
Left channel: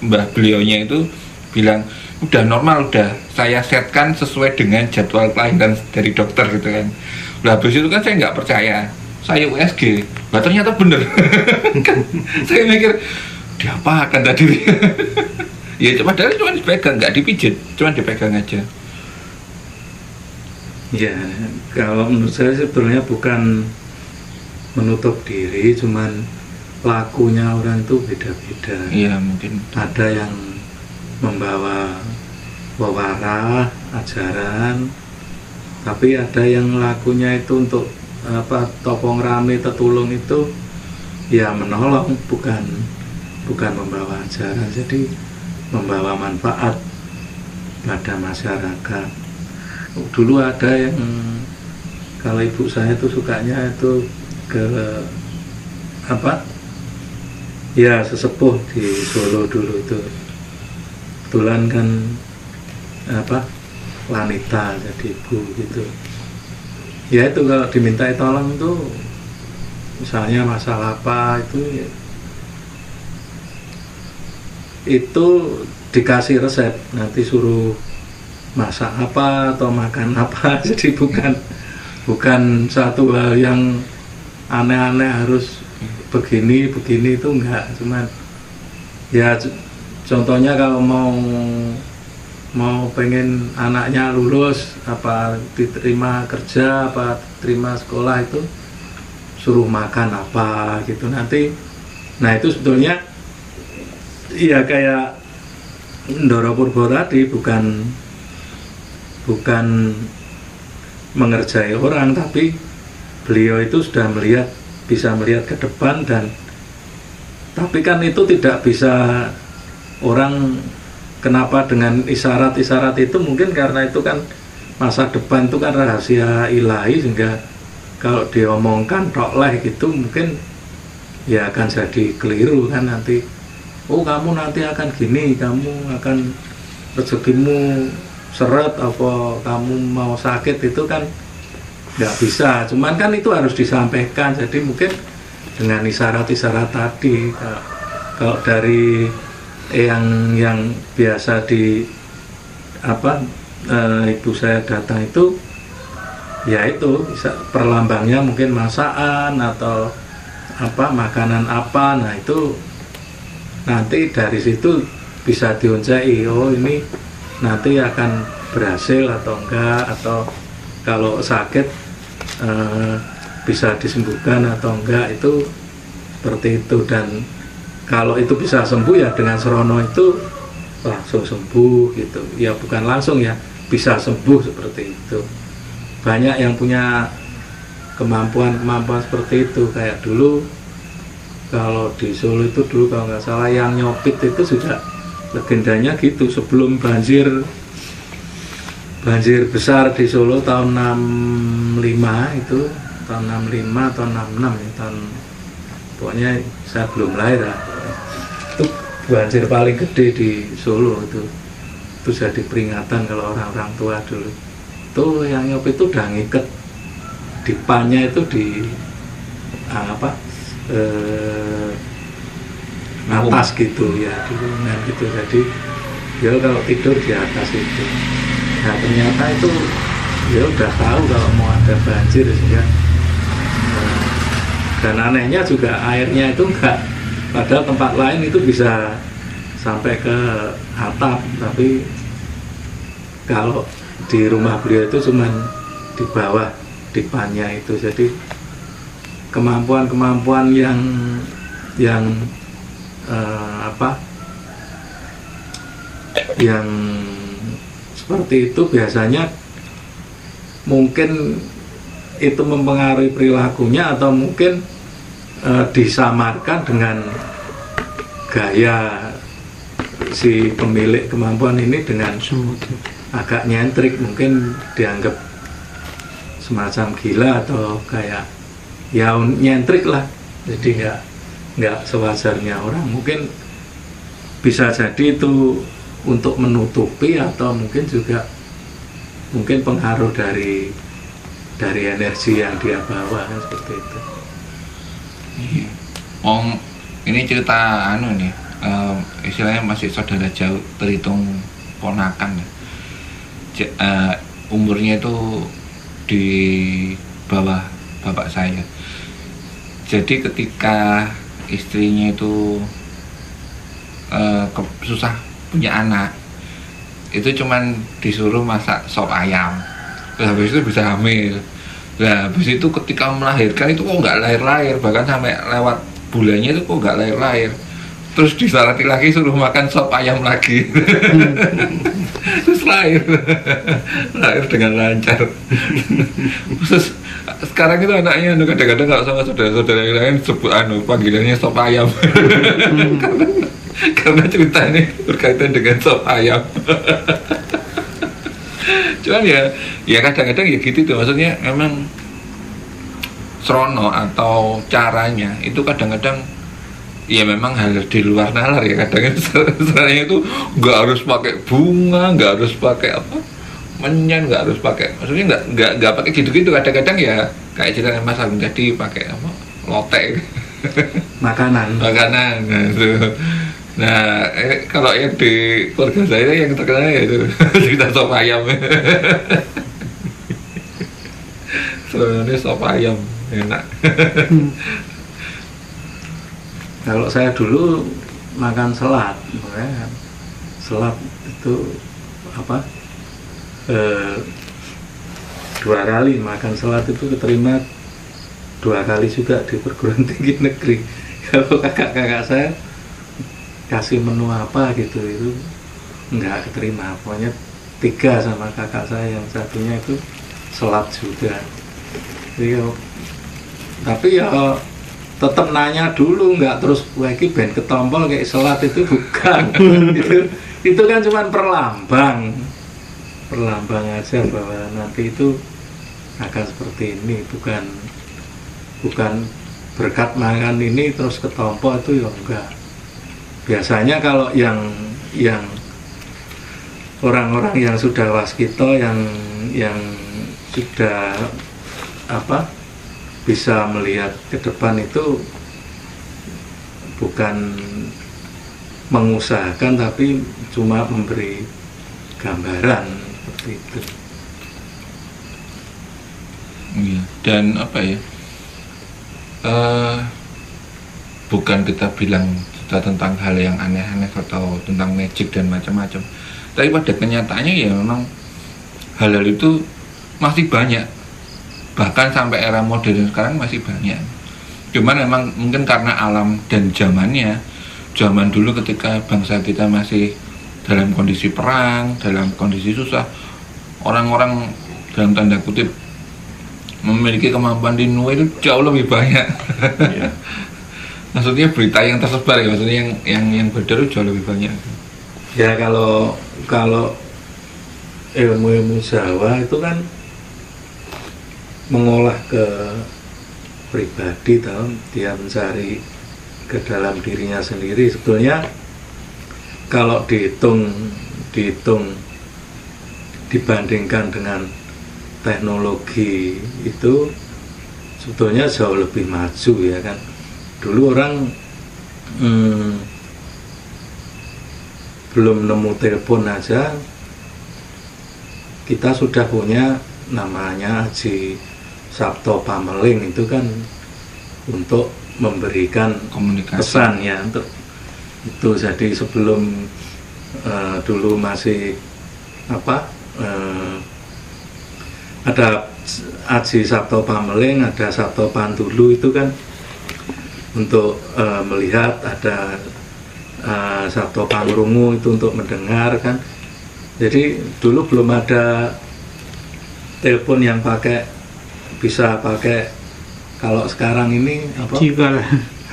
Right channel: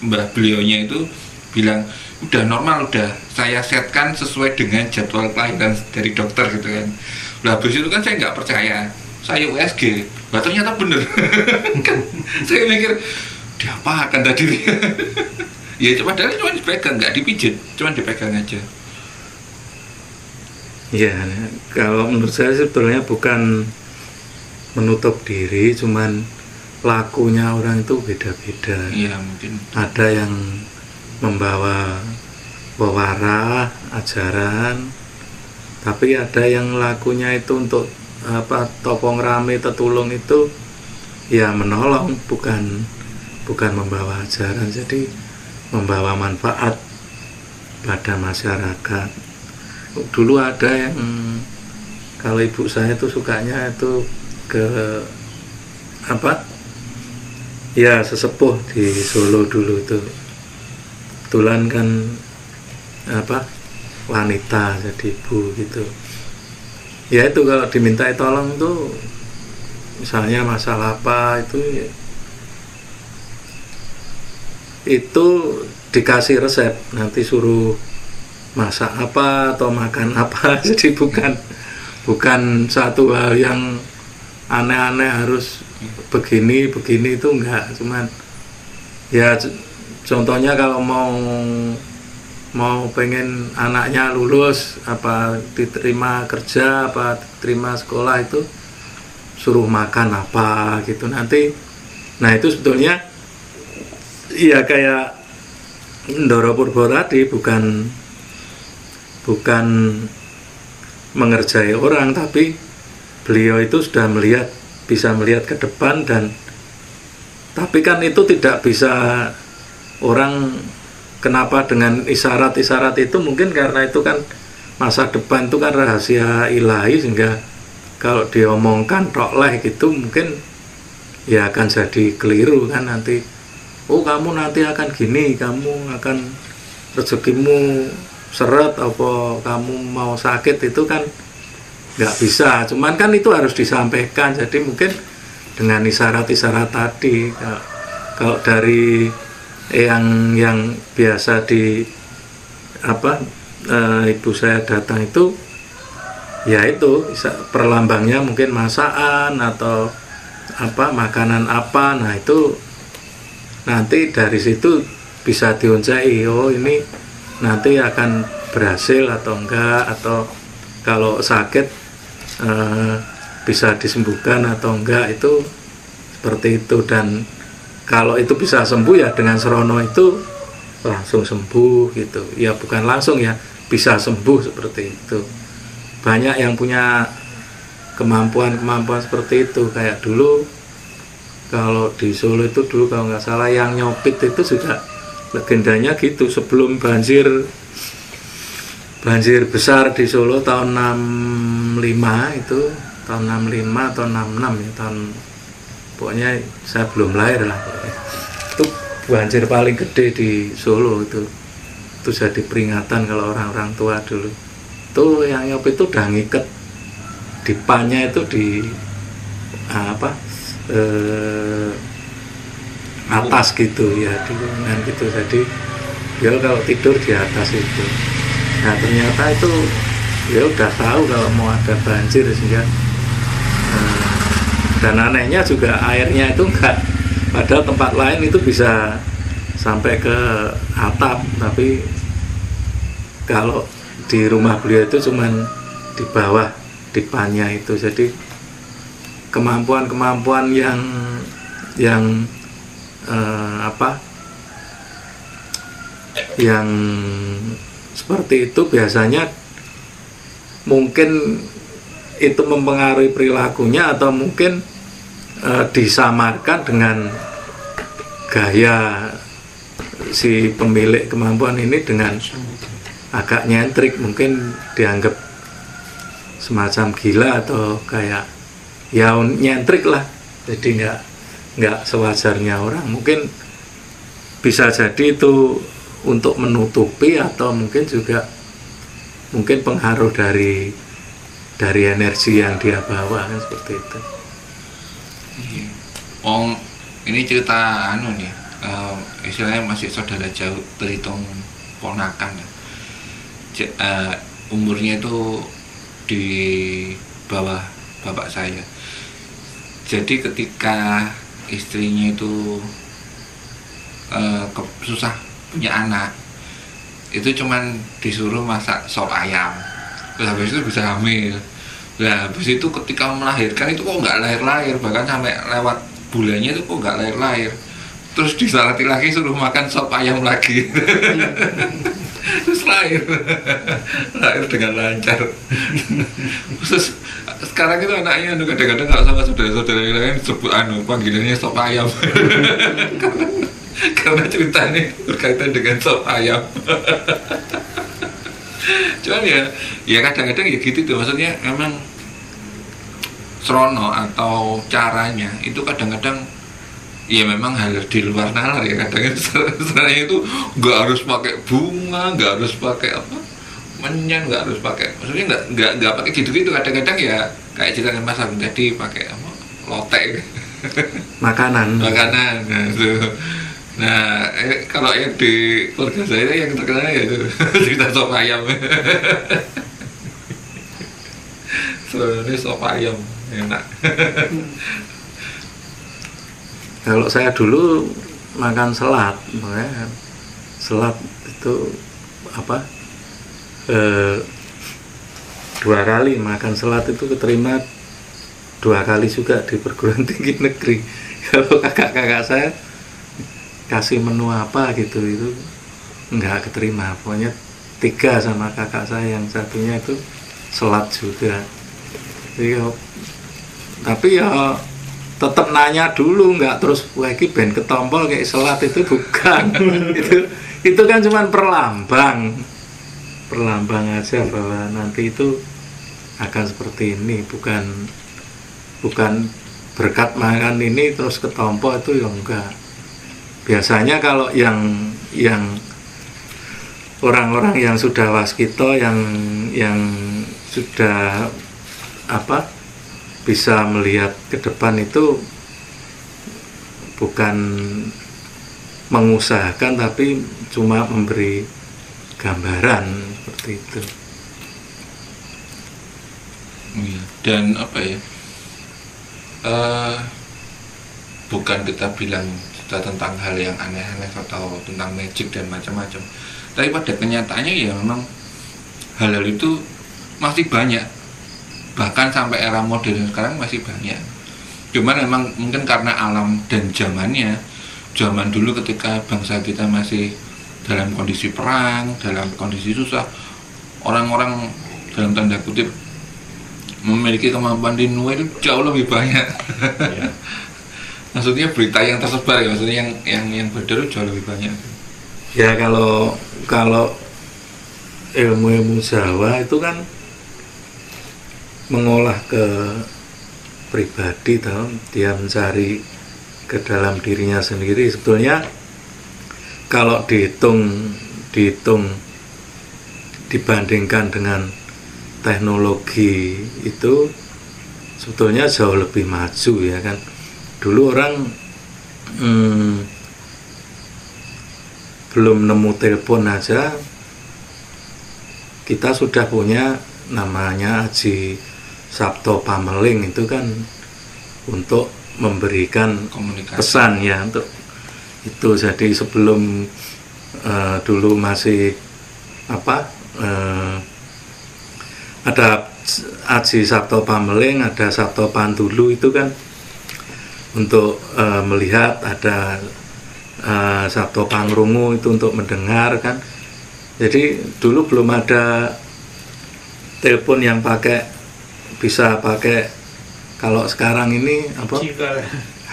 mbah beliaunya itu bilang udah normal, udah saya setkan sesuai dengan jadwal kelahiran dari dokter gitu kan. Lah habis itu kan saya nggak percaya, saya USG, lah ternyata bener. Saya mikir diapakan tadi. Ya padahal cuma dipegang, nggak dipijit, cuma dipegang aja. Ya, kalau menurut saya sebenarnya bukan menutup diri, cuman lakunya orang itu beda-beda. Iya, mungkin ada yang membawa wawara, ajaran, tapi ada yang lakunya itu untuk topong rame, tetulung itu ya menolong, bukan membawa ajaran, jadi membawa manfaat pada masyarakat. Dulu ada yang kalau ibu saya tuh sukanya itu ke ya sesepuh di Solo dulu itu. Kebetulan kan wanita jadi ibu gitu. Ya itu kalau dimintai tolong tuh misalnya masalah apa itu ya, itu dikasih resep, nanti suruh masak apa atau makan apa. Jadi bukan satu hal yang aneh-aneh harus begini itu enggak, cuman ya contohnya kalau mau pengen anaknya lulus apa diterima kerja apa diterima sekolah itu suruh makan apa gitu nanti. Nah itu sebetulnya ya kayak Ndoro Purbo tadi, bukan mengerjai orang, tapi beliau itu sudah bisa melihat ke depan. Dan tapi kan itu tidak bisa orang. Kenapa dengan isyarat-isyarat itu? Mungkin karena itu kan masa depan itu kan rahasia ilahi, sehingga kalau diomongkan tokleh gitu mungkin ya akan jadi keliru kan nanti. Oh kamu nanti akan gini, kamu akan rezekimu seret, apa kamu mau sakit, itu kan nggak bisa. Cuman kan itu harus disampaikan. Jadi mungkin dengan isyarat-isyarat tadi, kalau dari yang biasa ibu saya datang itu ya itu perlambangnya mungkin masakan atau makanan apa. Nah itu nanti dari situ bisa diuncai, oh ini nanti akan berhasil atau enggak, atau kalau sakit bisa disembuhkan atau enggak, itu seperti itu. Dan kalau itu bisa sembuh ya dengan serono itu langsung sembuh gitu. Ya bukan langsung ya, bisa sembuh seperti itu. Banyak yang punya kemampuan seperti itu. Kayak dulu kalau di Solo itu dulu kalau nggak salah yang nyopit itu sudah legendanya gitu. Sebelum banjir besar di Solo tahun 65 itu, tahun 65 atau 66 ya, pokoknya saya belum lahir lah. Itu banjir paling gede di Solo itu jadi peringatan kalau orang-orang tua dulu. Itu yang nyopit itu udah ngiket dipannya itu di atas gitu ya, dengan gitu. Jadi dia kalau tidur di atas itu. Nah ternyata itu dia udah tahu kalau mau ada banjir sehingga. Dan anehnya juga airnya itu enggak, padahal tempat lain itu bisa sampai ke atap, tapi kalau di rumah beliau itu cuman di bawah dipannya itu. Jadi kemampuan yang yang seperti itu biasanya mungkin itu mempengaruhi perilakunya, atau mungkin disamarkan dengan gaya si pemilik kemampuan ini dengan agak nyentrik, mungkin dianggap semacam gila atau kayak ya nyentrik lah. Jadi nggak sewajarnya orang. Mungkin bisa jadi itu untuk menutupi, atau mungkin juga pengaruh dari energi yang dia bawa seperti itu. Ini cerita nih, istilahnya masih saudara jauh, terhitung ponakan ya. Umurnya itu di bawah bapak saya. Jadi ketika istrinya itu susah punya anak, itu cuman disuruh masak sop ayam, terus habis itu bisa hamil. Nah habis itu ketika melahirkan itu kok nggak lahir-lahir, bahkan sampai lewat bulannya itu kok nggak lahir-lahir. Terus disalati lagi suruh makan sop ayam lagi. Terus lahir dengan lancar. Terus sekarang itu anaknya kadang-kadang kalau sama saudara-saudara yang lain sebut panggilannya sop ayam. Karena ceritanya berkaitan dengan sop ayam. Cuman ya kadang-kadang ya gitu tuh, maksudnya memang serono atau caranya itu kadang-kadang ya memang hal di luar nalar ya kadang sebenarnya itu nggak harus pakai bunga, nggak harus pakai apa menyan, nggak harus pakai, maksudnya nggak pakai gitu-gitu. Kadang-kadang ya kayak cerita Mas Agung tadi pakai apa lotek makanan. Nah, itu. Nah, kalau yang di keluarga saya yang terkenal ya itu cerita sop ayam. Sebenarnya sop ayam enak. Kalau saya dulu makan selat, selat itu apa? 2 kali makan selat itu keterima 2 kali juga di perguruan tinggi negeri. Kalau kakak-kakak saya kasih menu apa gitu itu nggak keterima, pokoknya 3 sama kakak saya, yang satunya itu selat juga. Jadi, tapi ya tetap nanya dulu, nggak terus lagi ben ketompol kayak selat itu bukan. itu kan cuma perlambang aja bahwa nanti itu akan seperti ini, bukan berkat makan ini terus ketompol, itu ya enggak. Biasanya kalau yang orang-orang yang sudah waskito, yang sudah apa bisa melihat ke depan, itu bukan mengusahakan tapi cuma memberi gambaran seperti itu. Iya. Dan apa ya, bukan kita bilang sudah tentang hal yang aneh-aneh atau tentang magic dan macam-macam, tapi pada kenyataannya ya memang hal-hal itu masih banyak. Bahkan sampai era modern sekarang masih banyak. Cuman memang mungkin karena alam dan zamannya, zaman dulu ketika bangsa kita masih dalam kondisi perang, dalam kondisi susah, orang-orang dalam tanda kutip memiliki kemampuan tinuai itu jauh lebih banyak. Iya. Maksudnya berita yang tersebar ya, maksudnya yang beredar itu jauh lebih banyak. Ya kalau ilmu Jawa itu kan mengolah ke pribadi, tahu, dia mencari ke dalam dirinya sendiri. Sebetulnya kalau dihitung dibandingkan dengan teknologi itu sebetulnya jauh lebih maju ya kan. Dulu orang belum nemu telepon aja kita sudah punya namanya Aji Sabto Pameling, itu kan untuk memberikan Komunikasi. pesan ya, untuk itu. Jadi sebelum dulu masih apa ada Aji Sabto Pameling, ada Sabto Pantulu, itu kan untuk melihat, ada Sabto Pangrungu itu untuk mendengar kan. Jadi dulu belum ada telepon yang bisa pakai kalau sekarang ini apa?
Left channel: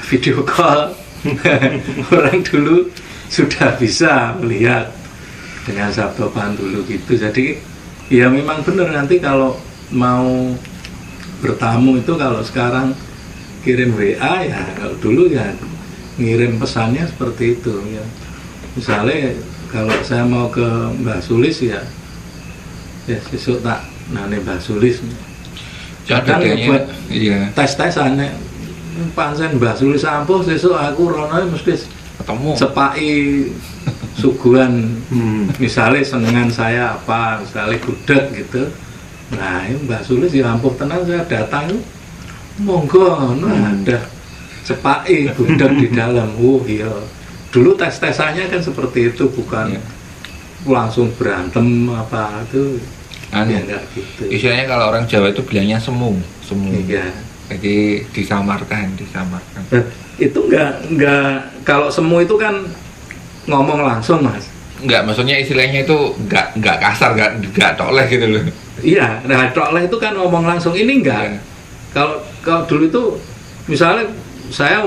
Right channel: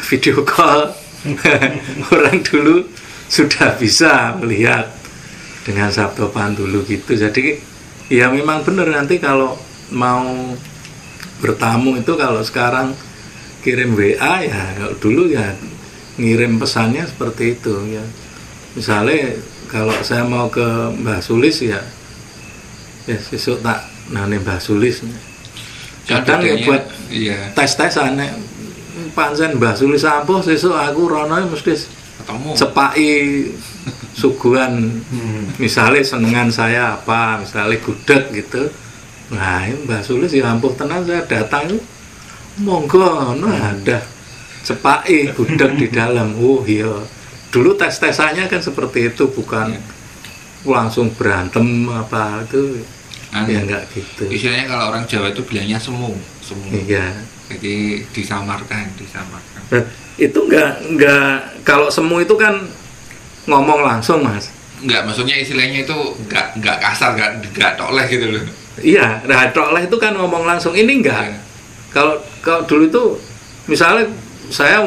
Video call. Orang dulu sudah bisa melihat dengan Sabto Pantulu gitu. Jadi ya memang benar, nanti kalau mau bertamu itu kalau sekarang kirim WA ya, kalau dulu ya ngirim pesannya seperti itu ya. Misalnya kalau saya mau ke Mbah Sulis ya besok tak nane Mbah Sulis. Kadang buat iya, tes-tesan nek pancen Mbah Sulis ampuh sesuk aku rono mesti ketemu cepaki suguhan. Misalnya senengan saya apa, misalnya gudeg gitu. Nah, Mbah Sulis ya ampuh tenan, saya datang itu monggo ada cepaki gudeg di dalam. Oh iya. Dulu tes-tesannya kan seperti itu, bukan langsung berantem apa itu. Ya enggak gitu. Istilahnya kalau orang Jawa itu bilangnya semu. Iya. Jadi disamarkan. Itu enggak kalau semu itu kan ngomong langsung, Mas. Enggak, maksudnya istilahnya itu enggak kasar, enggak toleh gitu loh. Iya, nah toleh itu kan ngomong langsung, ini enggak. Kalau dulu itu misalnya saya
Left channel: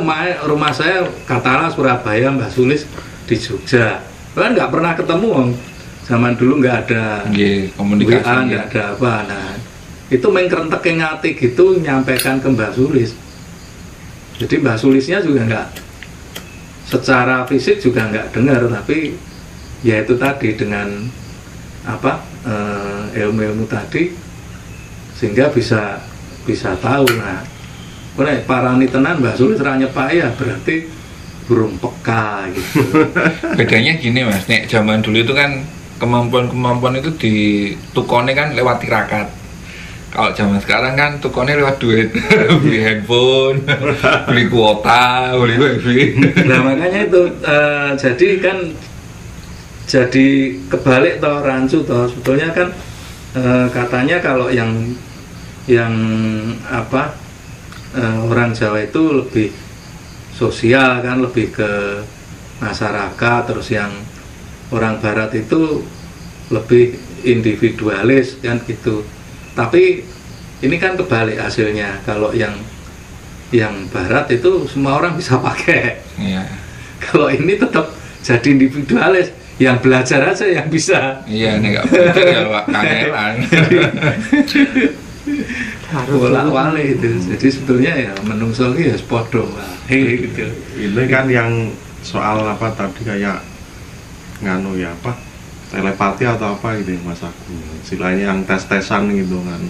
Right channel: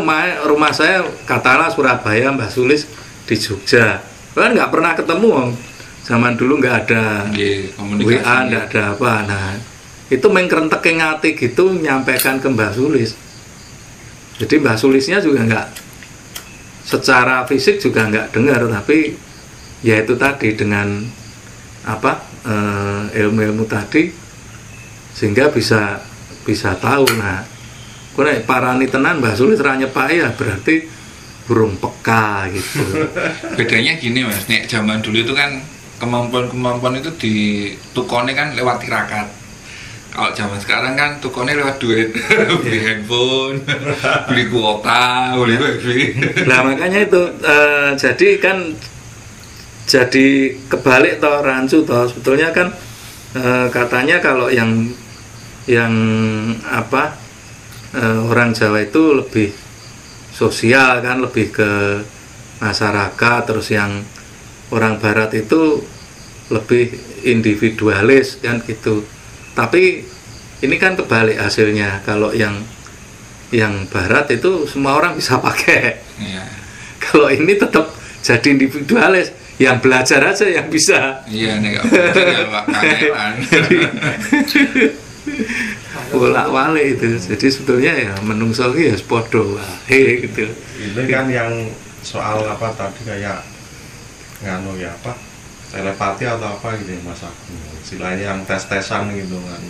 rumah saya katakanlah Surabaya, Mbak Sulis di Jogja, kan nggak pernah ketemu, zaman dulu nggak ada komunikasi, WA, nggak ada apa. Nah itu main kerentek yang ngati gitu nyampaikan ke Mbak Sulis. Jadi Mbak Sulisnya juga secara fisik juga nggak dengar, tapi ya itu tadi dengan ilmu-ilmu tadi sehingga bisa tahu. Nah, nek parani tenan Mbah Sulis ra nyepake ya berarti burung peka gitu. Bedanya gini Mas, nek zaman dulu itu kan kemampuan itu ditukone kan lewat tirakat. Kalau zaman sekarang kan tukonnya lewat duit, beli handphone, beli kuota, beli wifi. Nah makanya itu jadi kebalik toh rancu toh, sebetulnya kan katanya kalau yang orang Jawa itu lebih sosial kan, lebih ke masyarakat, terus yang orang Barat itu lebih individualis kan gitu. Tapi ini kan kebalik hasilnya. Kalau yang Barat itu semua orang bisa pakai. Iya. Kalau ini tetap jadi individualis, yang belajar aja yang bisa. Iya, nek gak belajar ya Pak kangelan. Bolak-balik itu. Jadi sebetulnya ya menungso iki ya sepodo wae gitu. Ini kan yang soal apa tadi kayak nganu ya apa? Telepati atau apa gitu ya Mas Agung. Istilahnya yang tes-tesan gitu kan.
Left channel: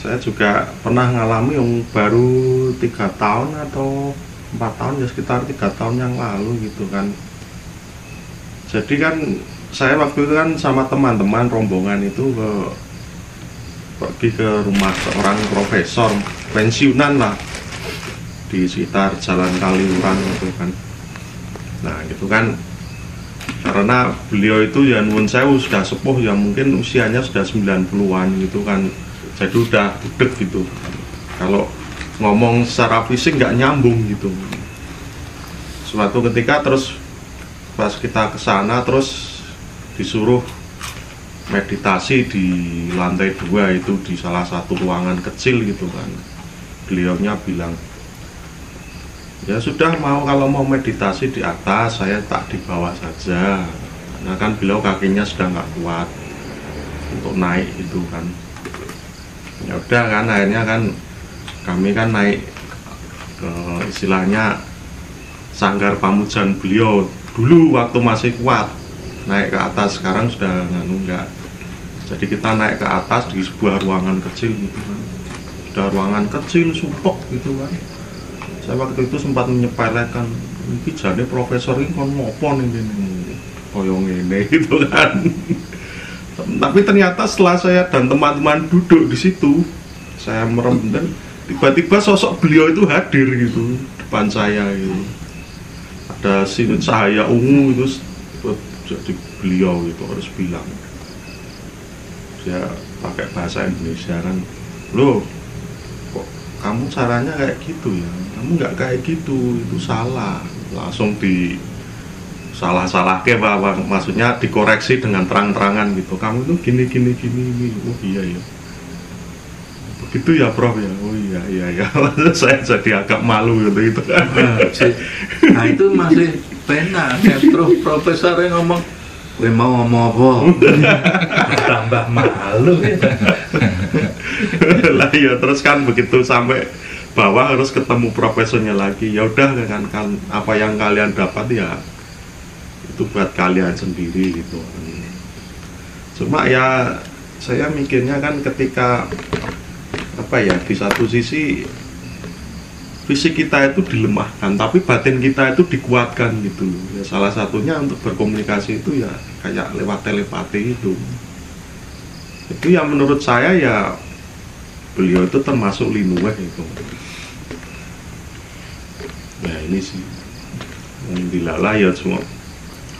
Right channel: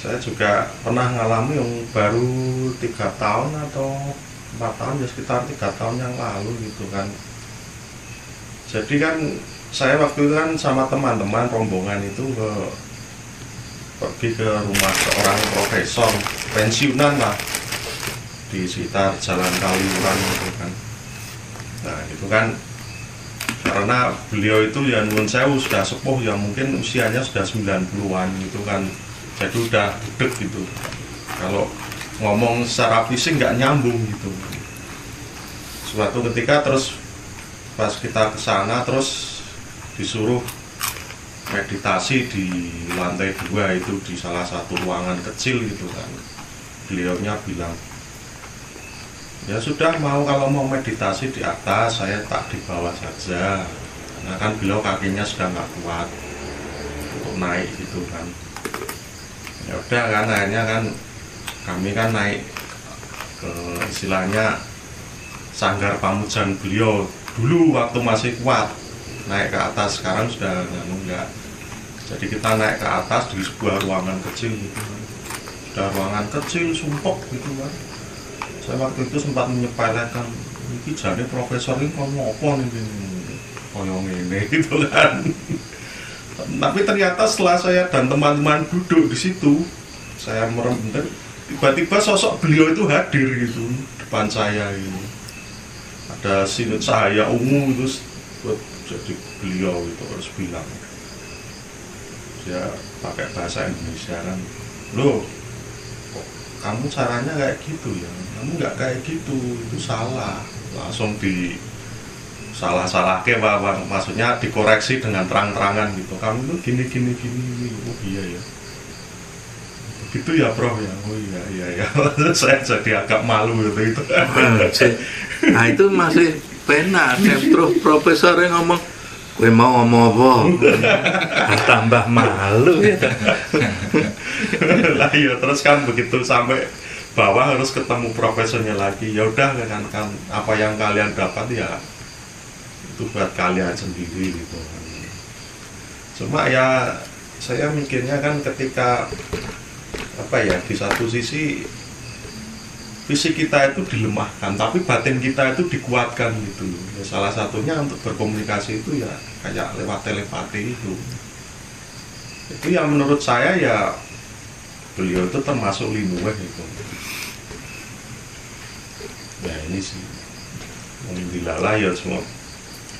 Saya juga pernah ngalami yang baru 3 tahun atau 4 tahun ya, sekitar 3 tahun yang lalu gitu kan. Jadi kan saya waktu itu kan sama teman-teman rombongan itu pergi ke rumah seorang profesor pensiunan lah di sekitar Jalan Kaliurang gitu kan. Nah itu kan karena beliau itu ya nuwun sewu sudah sepuh ya, mungkin usianya sudah 90-an gitu kan, jadi udah budek gitu. Kalau ngomong secara fisik nggak nyambung gitu. Suatu ketika terus pas kita ke sana terus disuruh meditasi di lantai 2 itu di salah satu ruangan kecil gitu kan. Beliaunya bilang, ya sudah kalau mau meditasi di atas saya tak dibawa saja. Nah kan beliau kakinya sudah nggak kuat untuk naik gitu kan. Ya udah kan akhirnya kan kami kan naik ke istilahnya sanggar pamujan beliau dulu waktu masih kuat, naik ke atas. Sekarang sudah enggak. Jadi kita naik ke atas di sebuah ruangan kecil gitu. Sudah ruangan kecil sumpek gitu kan. Saya waktu itu sempat menyepelekan, ini jadi profesor ini kan ngopo nih koyong ini gitu kan. Tapi ternyata setelah saya dan teman-teman duduk di situ, saya merem dan tiba-tiba sosok beliau itu hadir gitu depan saya gitu. Ada cahaya ungu itu jadi beliau gitu harus bilang. Saya pakai bahasa Indonesia kan, loh kok kamu caranya kayak gitu ya? Kamu nggak kayak gitu, itu salah. Langsung salah kayak apa, maksudnya dikoreksi dengan terang-terangan gitu. Kamu itu gini. Oh iya ya, begitu ya Prof ya. Oh iya. Saya jadi agak malu gitu kan. Nah itu masih pena. Profesor yang ngomong, gue mau ngomong apa? Tambah malu. Lah ya terus kan begitu sampai bawah harus ketemu profesornya lagi. Ya udah dengan apa yang kalian dapat ya itu buat kalian sendiri gitu. Cuma ya saya mikirnya kan ketika apa ya, di satu sisi fisik kita itu dilemahkan tapi batin kita itu dikuatkan gitu ya. Salah satunya untuk berkomunikasi itu ya kayak lewat telepati itu yang menurut saya ya beliau itu termasuk linuweh gitu. Ya ini sih alhamdulillah ya, semua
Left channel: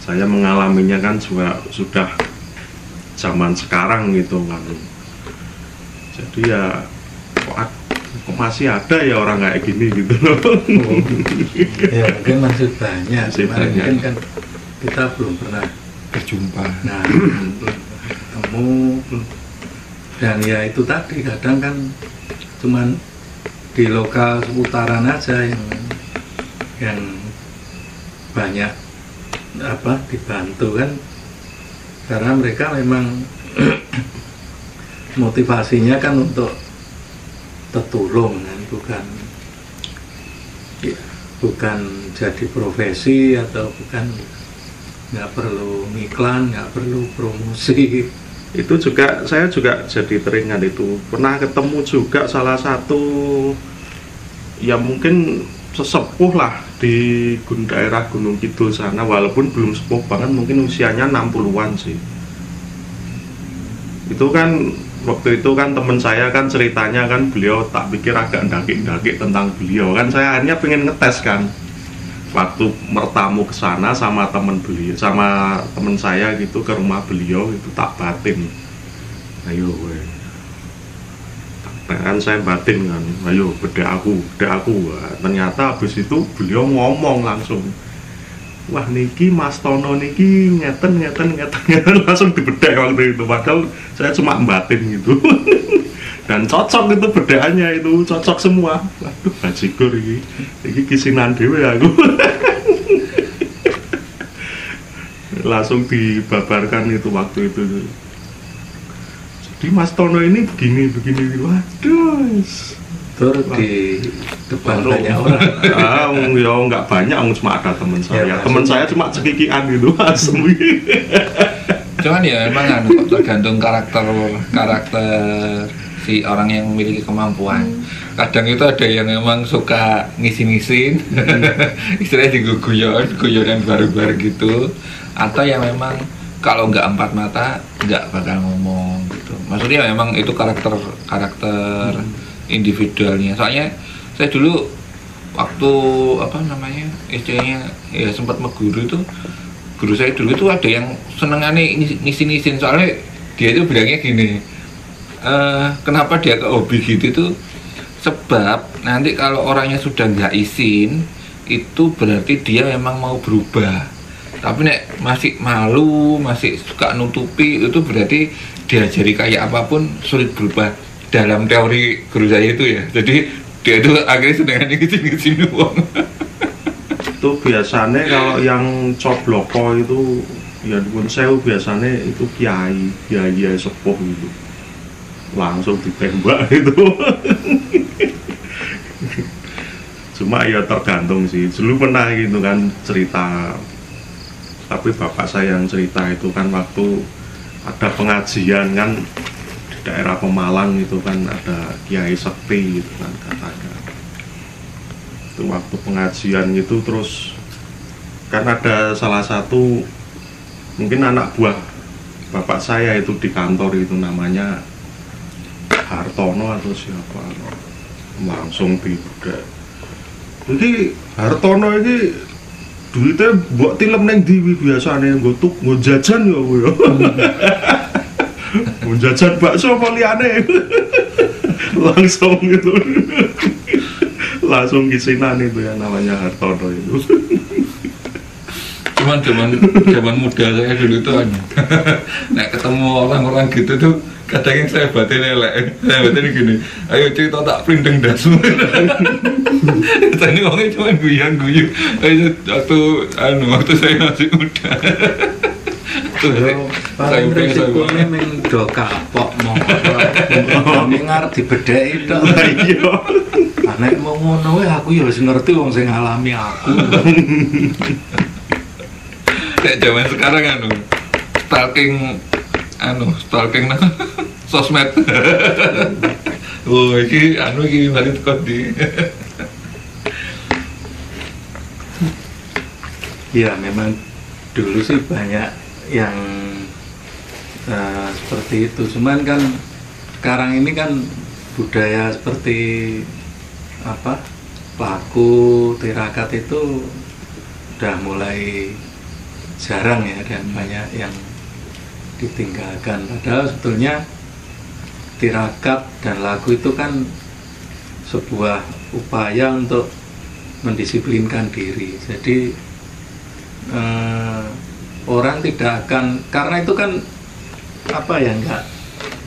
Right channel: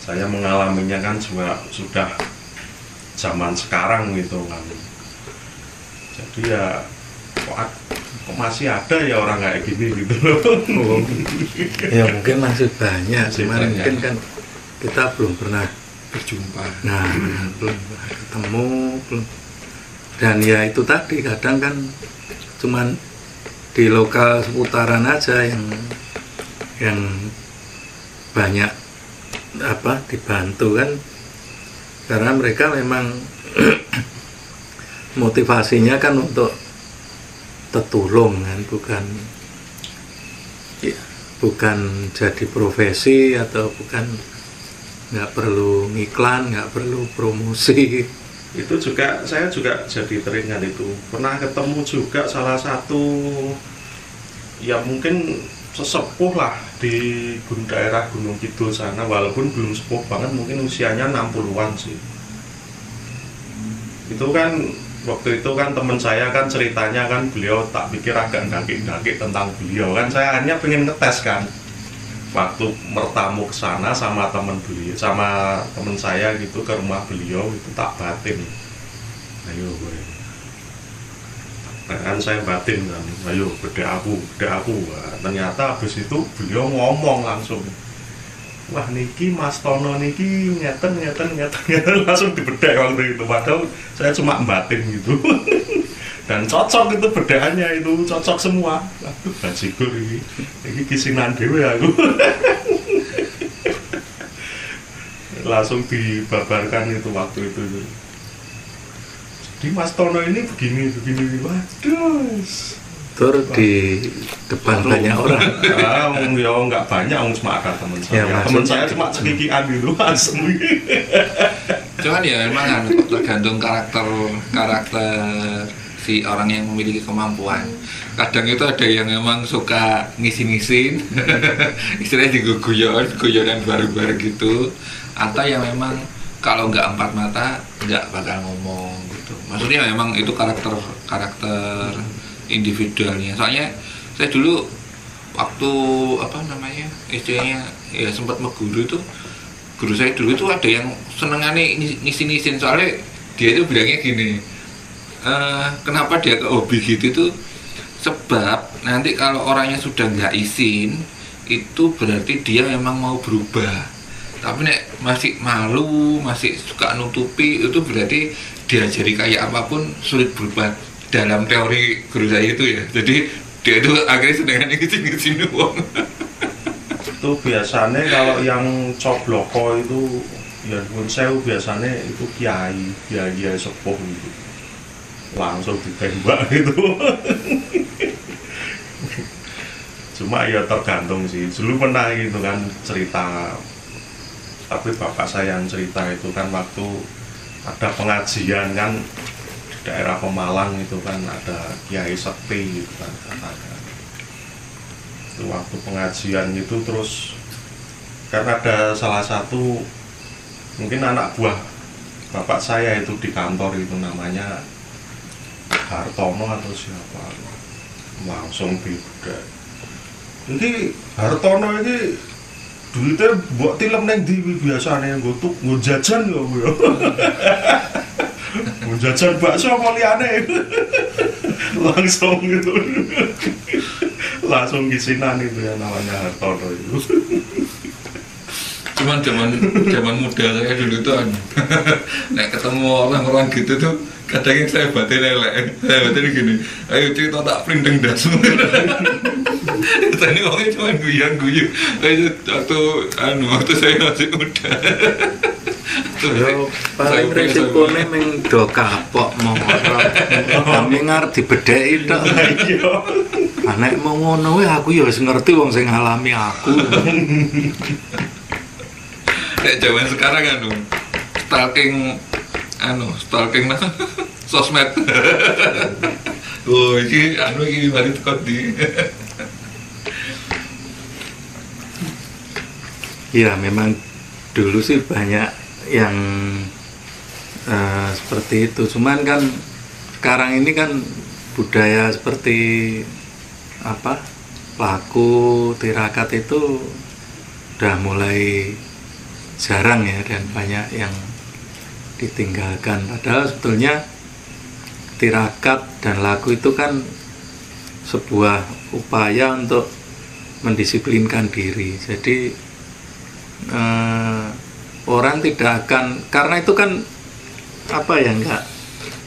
saya mengalaminya kan sudah zaman sekarang gitu kan. Jadi ya kok masih ada ya orang kayak gini gitu loh. Ya mungkin masih banyak, mungkin kan kita belum pernah berjumpa. Nah belum ketemu belum. Dan ya itu tadi kadang kan cuman di lokal seputaran aja yang banyak dibantu kan, karena mereka memang motivasinya kan untuk tertulung kan, bukan ya, bukan jadi profesi atau bukan, nggak perlu iklan, nggak perlu promosi. Itu juga saya juga jadi teringat itu pernah ketemu juga salah satu ya mungkin sesepuh lah di daerah Gunung Kidul sana, walaupun belum sepuh banget, mungkin usianya 60-an sih. Itu kan waktu itu kan teman saya kan ceritanya kan beliau tak pikir agak daki-daki tentang beliau kan, saya hanya pengen ngetes kan waktu bertamu ke sana sama teman beliau, sama teman saya gitu ke rumah beliau, itu tak batin, ayo kan saya batin kan, ayo beda aku. Wah, ternyata habis itu beliau ngomong langsung, wah niki Mas Tono niki ngeten langsung dibedek waktu itu, padahal saya cuma batin gitu. Dan cocok itu bedaannya, itu cocok semua. Waduh, bajigur ini kisinan dewe aku. Langsung dibabarkan itu waktu itu. Jadi Mas Tono ini begini. Waduh. Terus di depan banyak orang. Ya nggak banyak, cuma ada teman saya. Ya, teman saya cuma cekikian gitu langsung. Cuman ya emang tergantung karakter si orang yang memiliki kemampuan. Kadang itu ada yang memang suka ngisin-ngisin, istilahnya guyon-guyonan baru-baru gitu, atau yang memang kalau nggak empat mata nggak bakal ngomong gitu. Maksudnya memang itu karakter individualnya. Soalnya saya dulu waktu istilahnya ya sempat meguru itu, guru saya dulu itu ada yang senengannya ngisin-ngisin, soalnya dia itu bilangnya gini, kenapa dia ke hobi gitu tuh, sebab nanti kalau orangnya sudah nggak izin itu berarti dia memang mau berubah, tapi nek masih malu, masih suka nutupi, itu berarti diajari kayak apapun sulit berubah. Dalam teori guru saya itu ya, jadi dia itu akhirnya senengannya ngizin uang. Itu biasanya kalau yang cobloko itu ya pun saya biasanya itu kiai sepuh gitu, langsung ditembak itu. Cuma ya tergantung sih, dulu pernah gitu kan cerita, tapi bapak saya yang cerita itu kan waktu ada pengajian kan di daerah Pemalang itu kan ada kiai sekti gitu kan katanya. Itu waktu pengajian gitu terus kan ada salah satu mungkin anak buah bapak saya itu di kantor itu, namanya Hartono atau siapa, langsung dibudak. Jadi Hartono ini duitnya buat tilem neng diwi biasanya gue jajan ya gue. Gue jajan bakso apa liane. Langsung gitu. Langsung kisinan itu ya namanya Hartono itu. Cuman zaman muda saya dulu tuh kan, nah ketemu orang-orang gitu tuh kadang yang saya batin gini, ayo cerita tak pelindeng dasu. Tadi orangnya cuma guyu, waktu saya masih muda. Saya prinsipnya memang do kapok mau dengar dibedheki tok. Nek mau ngono aku ya wis ngerti wong sing ngalami aku. Kayak zaman sekarang stalking sosmed. Oh, iki balik kok di. Ya memang dulu sih banyak yang seperti itu. Cuman kan sekarang ini kan budaya seperti laku tirakat itu udah mulai jarang ya, dan banyak yang ditinggalkan. Padahal sebetulnya tirakat dan laku itu kan sebuah upaya untuk mendisiplinkan diri. Jadi orang tidak akan, karena itu kan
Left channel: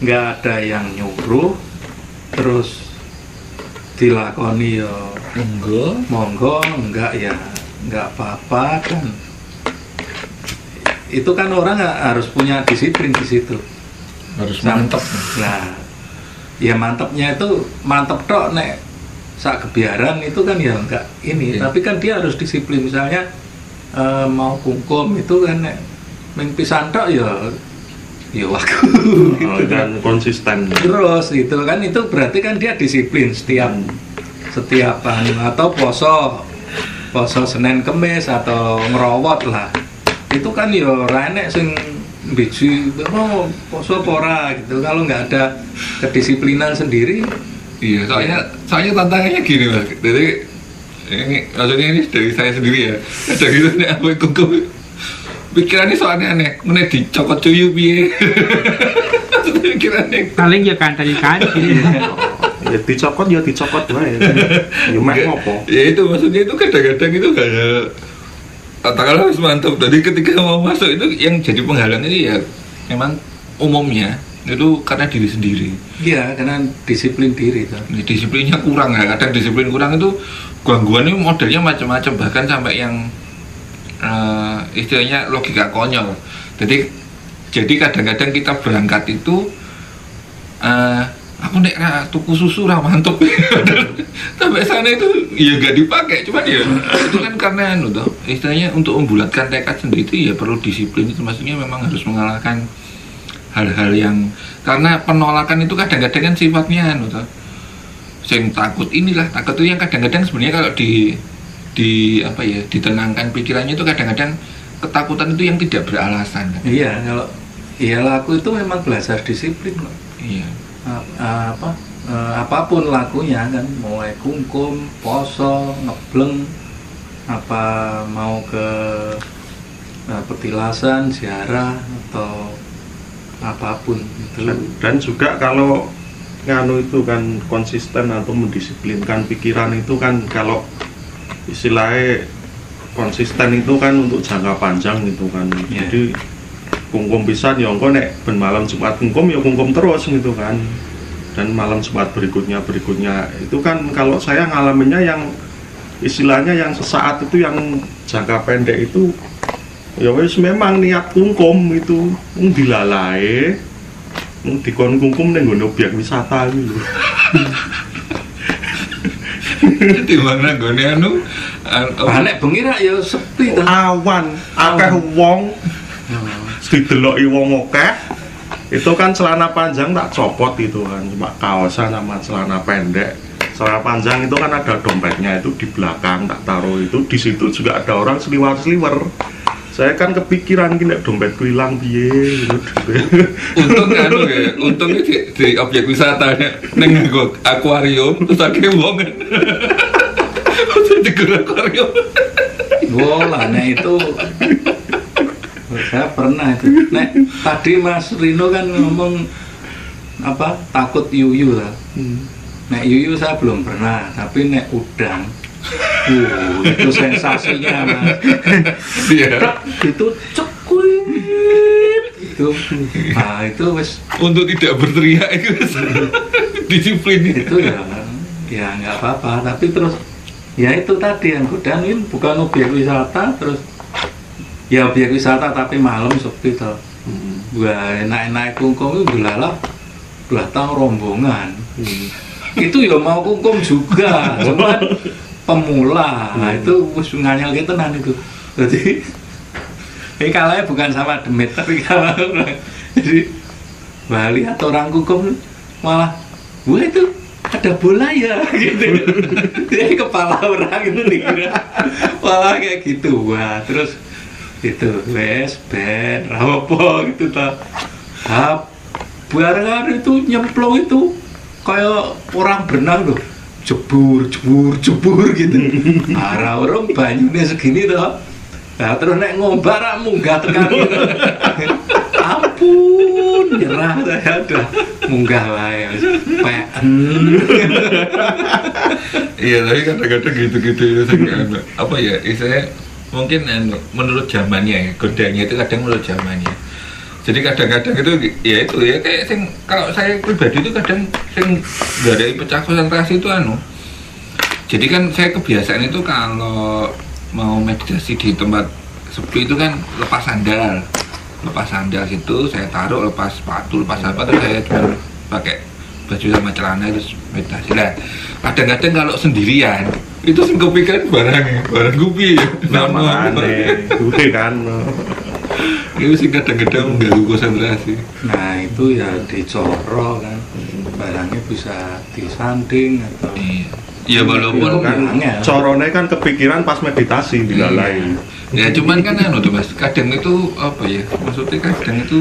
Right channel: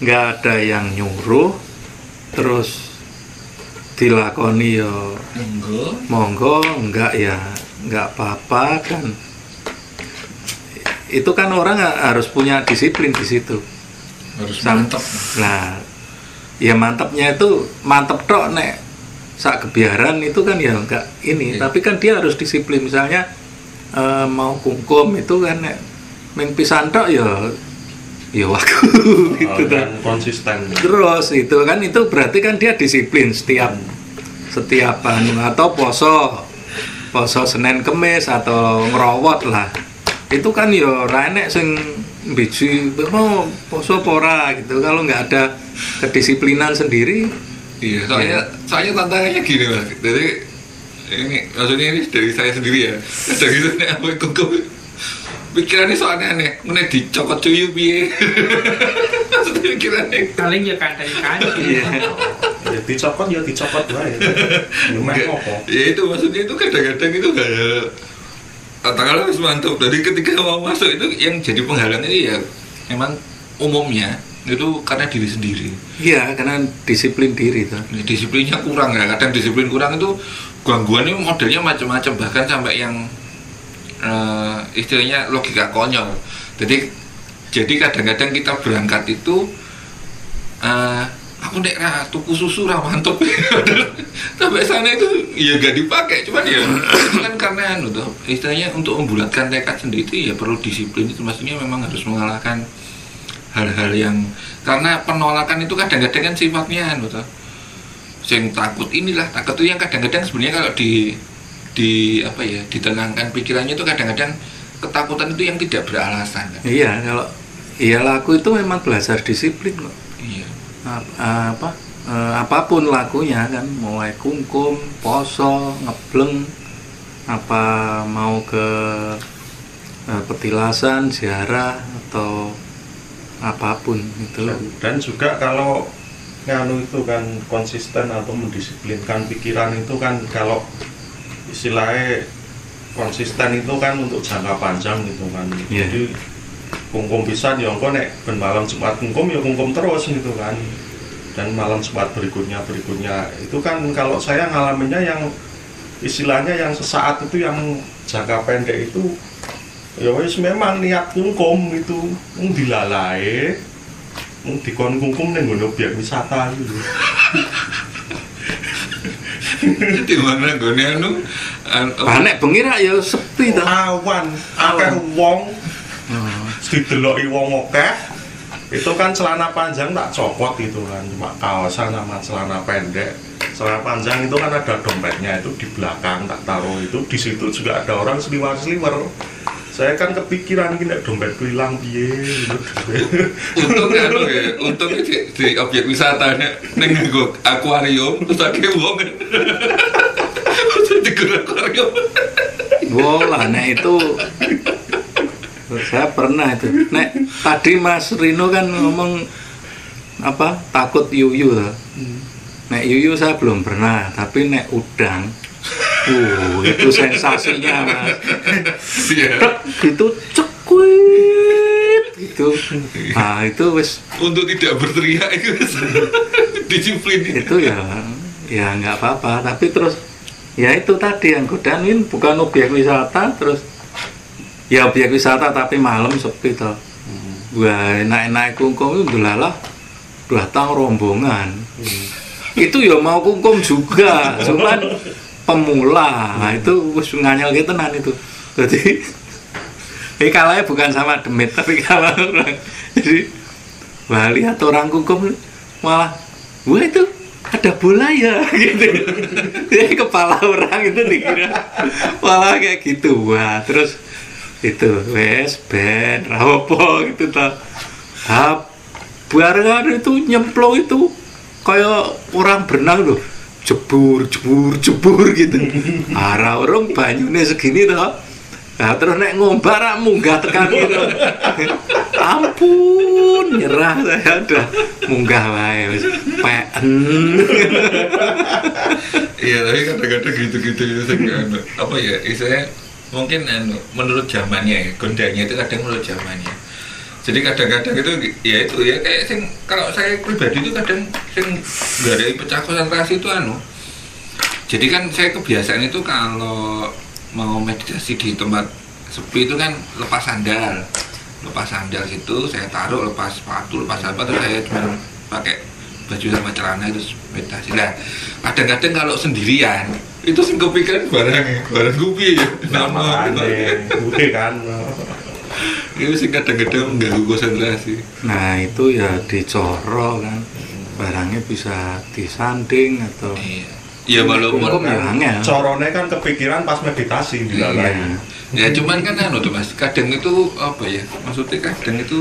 nggak ada yang nyuruh terus dilakoni yo monggo enggak ya nggak apa-apa kan. Itu kan orang harus punya disiplin di situ. Harus mantap. Nah, ya mantapnya itu mantep tok nek sak kebiaran itu kan ya enggak ini, tapi kan dia harus disiplin. Misalnya mau hukum itu kan ming pisan tok ya waktu gitu kan konsisten. Terus itu kan, itu berarti kan dia disiplin setiap atau poso Senin Kemis atau ngerawat lah. Itu kan ya ora enek sing biji poso pora gitu kalau nggak ada kedisiplinan sendiri. Iya, soalnya tantangannya gini Mas. Jadi ini maksudnya ini dari saya sendiri ya. Ada gitu nek aku kukum. Pikirannya soalnya aneh, meneh dicokot cuyu piye. Maksudnya pikirannya paling ya kandani-kandani. Ya dicokot wae. Ya mek ngopo? Ya itu maksudnya itu kadang-kadang itu kayak katakanlah harus mantap. Jadi ketika mau masuk itu yang jadi penghalang ini ya memang umumnya itu karena diri sendiri. Iya, karena disiplin diri tuh. Disiplinnya kurang ya. Kadang disiplin kurang itu gangguan ini modelnya macam-macam, bahkan sampai yang istilahnya logika konyol. Jadi kadang-kadang kita berangkat itu aku nek tuku susu ra mantep. Sampai sana itu ya gak dipakai, cuman ya itu kan karena istilahnya untuk membulatkan tekad sendiri itu ya perlu disiplin. Itu maksudnya memang harus mengalahkan hal-hal yang karena penolakan itu kadang-kadang kan sifatnya sing takut inilah, takut itu yang kadang-kadang sebenarnya kalau ditenangkan pikirannya itu kadang-kadang ketakutan itu yang tidak beralasan kan? Iya, kalau laku itu memang belajar disiplin kok. Iya. Apapun lakunya kan, mulai kungkum, poso, ngebleng, apa mau ke petilasan, ziarah atau apapun itu. Dan juga kalau nganu itu kan konsisten atau mendisiplinkan pikiran itu kan, kalau istilahnya konsisten itu kan untuk jangka panjang gitu kan. Yeah. Jadi kungkum bisa ya engko nek ben malam Jumat kungkum ya kungkum terus gitu kan. Dan malam Jumat berikutnya itu kan kalau saya ngalaminnya yang istilahnya yang sesaat itu, yang jangka pendek itu ya wis memang niat kungkum itu dilalai dikon kungkum ning nggon objek wisata gitu. Di mana gone nek bengi ra ya sepi to. Awan, akeh wong. Dideloki wong akeh. Itu kan celana panjang tak copot gitu kan, cuma kaosan sama celana pendek. Celana panjang itu kan ada dompetnya itu di belakang tak taruh itu, di situ juga ada orang seliwer-seliwer. Saya kan kepikiran gini, dompet hilang piye gitu. Untungnya di objek wisata neng akuarium terus akeh wong. Terus di akuarium. Lah itu saya pernah itu. Nek tadi Mas Rino kan ngomong apa takut yuyu lah. Nek yuyu saya belum pernah, tapi nek udang itu sensasinya Mas. Iya. Itu cekuit itu. Nah, itu wis untuk tidak berteriak itu disiplin itu ya nggak apa-apa, tapi terus ya itu tadi yang udang ini bukan objek wisata, terus ya objek wisata tapi malam sepi toh. Wah, naik kungkum itu belalah datang rombongan. Itu ya mau kungkum juga, cuman pemula. Nah, itu wis nganyel gitu tenan itu. Jadi ini kalahnya bukan sama demit tapi kalah orang. Jadi wah, lihat orang kungkum malah wah itu ada bola ya gitu. Jadi kepala orang itu dikira malah kayak gitu. Wah, terus itu wes ben rapopo gitu toh. Barengan itu nyemplung itu kayak orang berenang loh, jebur gitu. Arah orang banyune segini toh. Nah, terus nek ngombar munggah tekan gitu. Ampun, nyerah saya udah munggah wae wis peken. Iya, tapi kadang-kadang gitu-gitu apa ya, istilahnya mungkin menurut zamannya ya, godanya itu kadang menurut zamannya. Jadi kadang-kadang itu ya kayak kalau saya pribadi itu kadang nggak ada pecah konsentrasi itu Jadi kan saya kebiasaan itu kalau mau meditasi di tempat sepi itu kan lepas sandal situ saya taruh, lepas sepatu, lepas apa, terus saya cuma pakai baju sama celana itu meditasi. Nah, kadang-kadang kalau sendirian itu sing kepikiran barang kupi ya. Gue kan. Itu sing kadang-kadang mengganggu konsentrasi. Nah itu ya dicoro kan, barangnya bisa disanding atau Iya. Ya walaupun kan corone kan kepikiran pas meditasi di lain. Ya cuman kan tuh Mas, kadang itu apa ya? Maksudnya kadang itu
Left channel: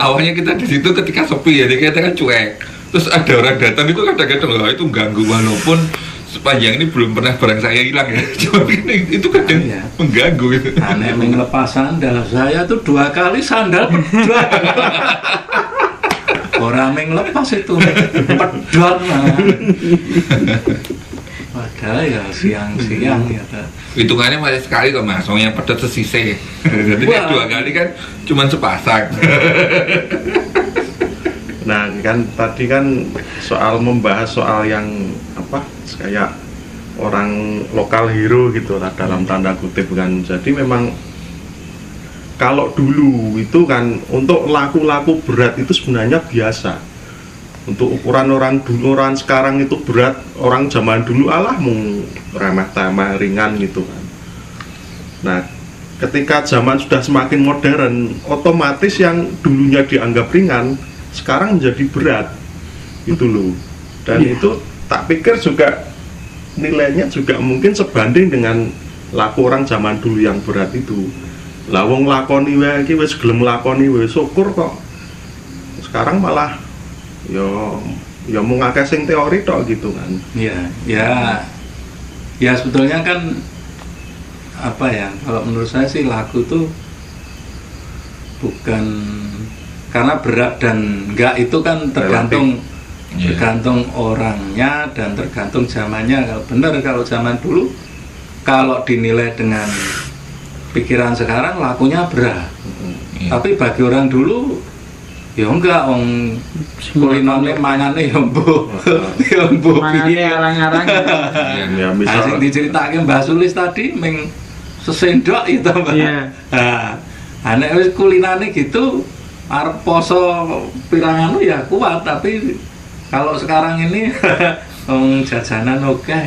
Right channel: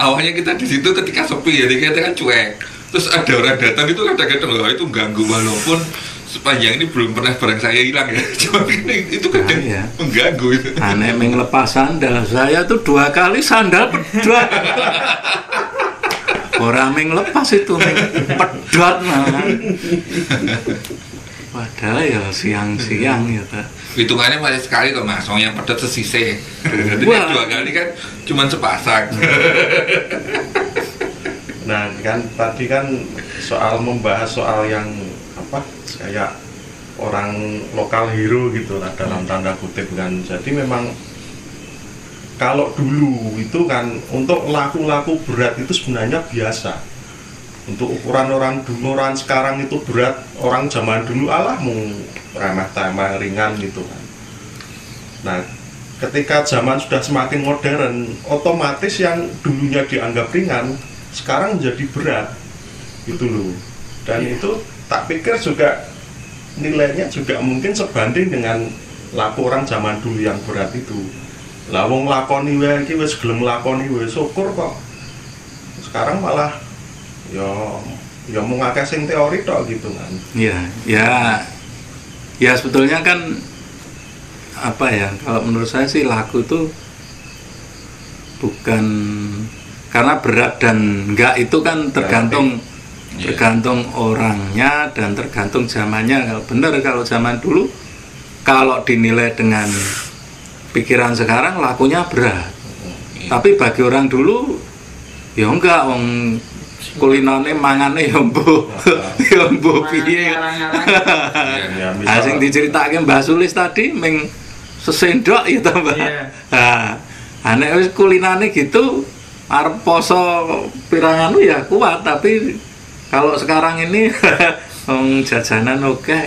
awalnya kita di situ ketika sepi ya, kita kan cuek. Terus ada orang datang itu kadang-kadang itu ganggu walaupun sepanjang ini belum pernah barang saya hilang ya. Cuma itu kadang ya. mengganggu itu. Aneh menglepas sandal, saya tuh 2 kali sandal pedot. Orang menglepas itu pedot nah. Padahal ya siang-siang ya Pak. Hitungannya masih sekali kok Mas, yang pedot sesise. Jadi 2 kali kan cuma sepasang. Nah kan tadi kan soal membahas soal yang apa kayak orang lokal hero gitu lah dalam tanda kutip kan. Jadi memang kalau dulu itu kan untuk laku-laku berat itu sebenarnya biasa. Untuk ukuran orang dulu, orang sekarang itu berat. Orang zaman dulu alah mau remeh-temeh ringan gitu kan. Nah ketika zaman sudah semakin modern, otomatis yang dulunya dianggap ringan sekarang menjadi berat gitu loh. Dan itu tak pikir juga nilainya juga mungkin sebanding dengan laku orang zaman dulu yang berat itu. Lah wong lakoni wae iki wis gelem lakoni wis syukur kok. Sekarang malah ya mung akeh sing teori tok gitu kan. Ya sebetulnya kan apa ya, kalau menurut saya sih laku itu bukan karena berat dan enggak itu kan tergantung tergantung orangnya dan tergantung zamannya. Kalau benar kalau zaman dulu kalau dinilai dengan pikiran sekarang lakunya berat. Tapi bagi orang dulu ya enggak, wong kulinane mangane ya mbok piye arang-arang. Nah, sing diceritake Mbah Sulis tadi ming sesendok itu Mbak. Nah, nek wis kulinane gitu arep poso pirangan lu ya kuat, tapi kalau sekarang ini jajanan oke.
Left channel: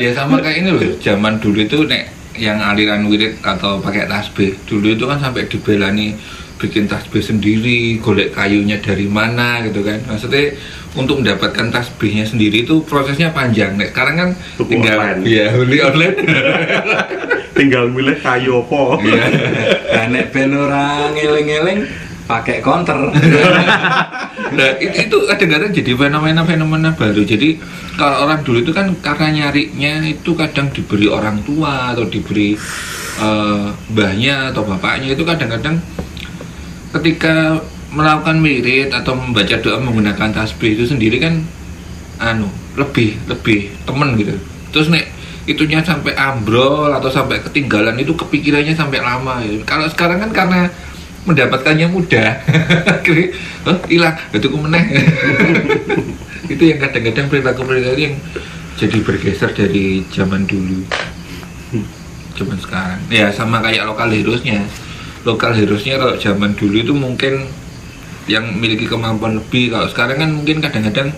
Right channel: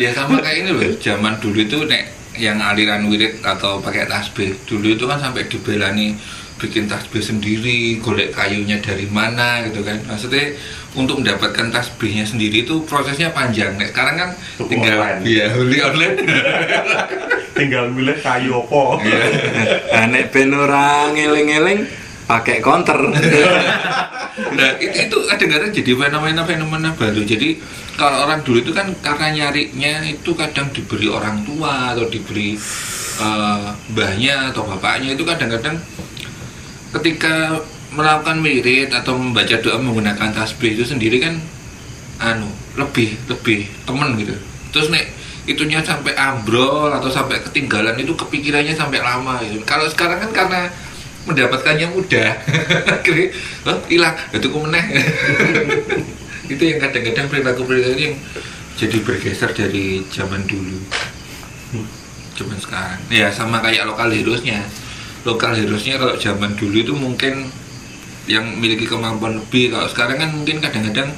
Ya sama kayak ini loh, zaman dulu itu nek yang aliran wirid atau pakai tasbih dulu itu kan sampai dibelani bikin tasbih sendiri, golek kayunya dari mana gitu kan. Maksudnya untuk mendapatkan tasbihnya sendiri itu prosesnya panjang. Nek sekarang kan tinggal beli online. Tinggal milih kayu apa. Iya. Nah, nek ben ora ngeling-eling pakai counter. Nah, itu kadang-kadang jadi fenomena baru. Jadi kalau orang dulu itu kan karena nyarinya itu kadang diberi orang tua atau diberi mbahnya atau bapaknya, itu kadang-kadang ketika melakukan wirid atau membaca doa menggunakan tasbih itu sendiri kan lebih temen gitu. Terus nek itunya sampai ambrol atau sampai ketinggalan itu kepikirannya sampai lama gitu. Kalau sekarang kan karena mendapatkannya mudah, hilang, itu meneh. Itu yang kadang-kadang perilaku yang jadi bergeser dari zaman dulu, zaman sekarang. Ya sama kayak lokal heroesnya kalau zaman dulu itu mungkin yang memiliki kemampuan lebih. Kalau sekarang kan mungkin kadang-kadang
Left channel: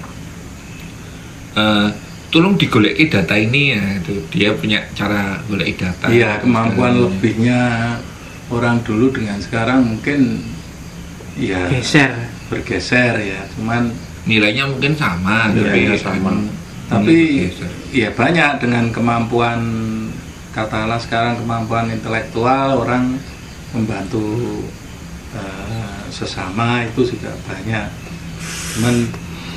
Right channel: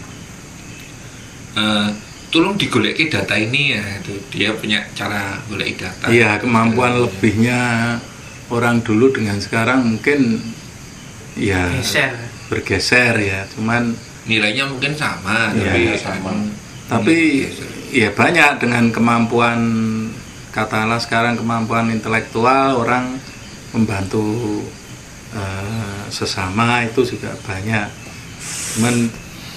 tolong digoleki data ini ya, itu dia punya cara goleki data. Iya, kemampuan lebihnya orang dulu dengan sekarang mungkin ya bergeser ya, cuman nilainya mungkin sama, tapi ya banyak dengan kemampuan, katakanlah sekarang kemampuan intelektual orang membantu sesama itu juga banyak, cuman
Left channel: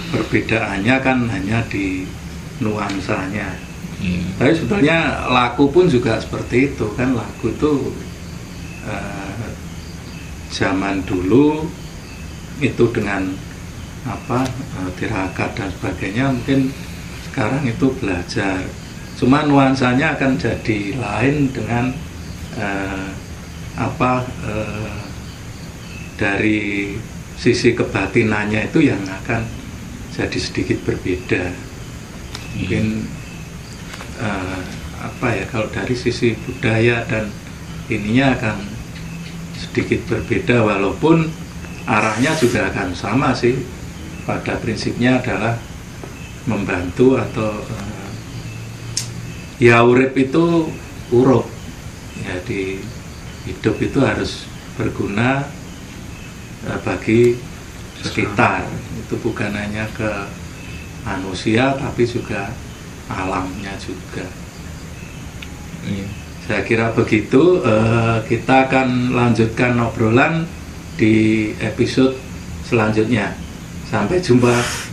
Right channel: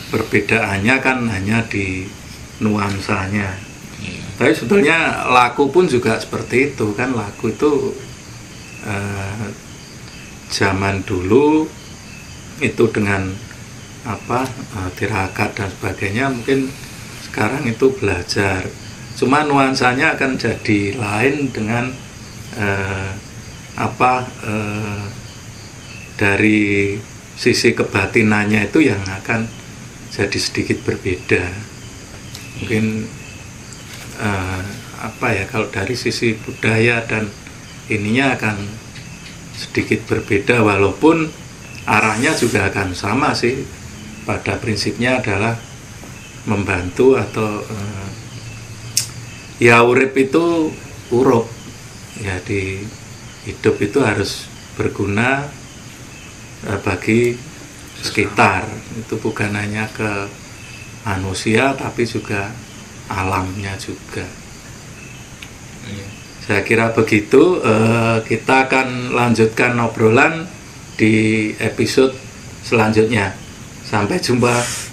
perbedaannya kan hanya di nuansanya. Tapi sebetulnya laku pun juga seperti itu kan. Laku itu zaman dulu itu dengan tirakat dan sebagainya, mungkin sekarang itu belajar, cuma nuansanya akan jadi lain dengan dari sisi kebatinannya itu yang akan jadi sedikit berbeda. Mungkin kalau dari sisi budaya dan ininya akan sedikit berbeda, walaupun arahnya juga akan sama sih. pada prinsipnya adalah membantu atau ya urip itu urup. Jadi hidup itu harus berguna bagi sekitar. Itu bukan hanya ke manusia tapi juga alamnya juga. Saya kira begitu. Kita akan lanjutkan obrolan di episode selanjutnya. Sampai jumpa.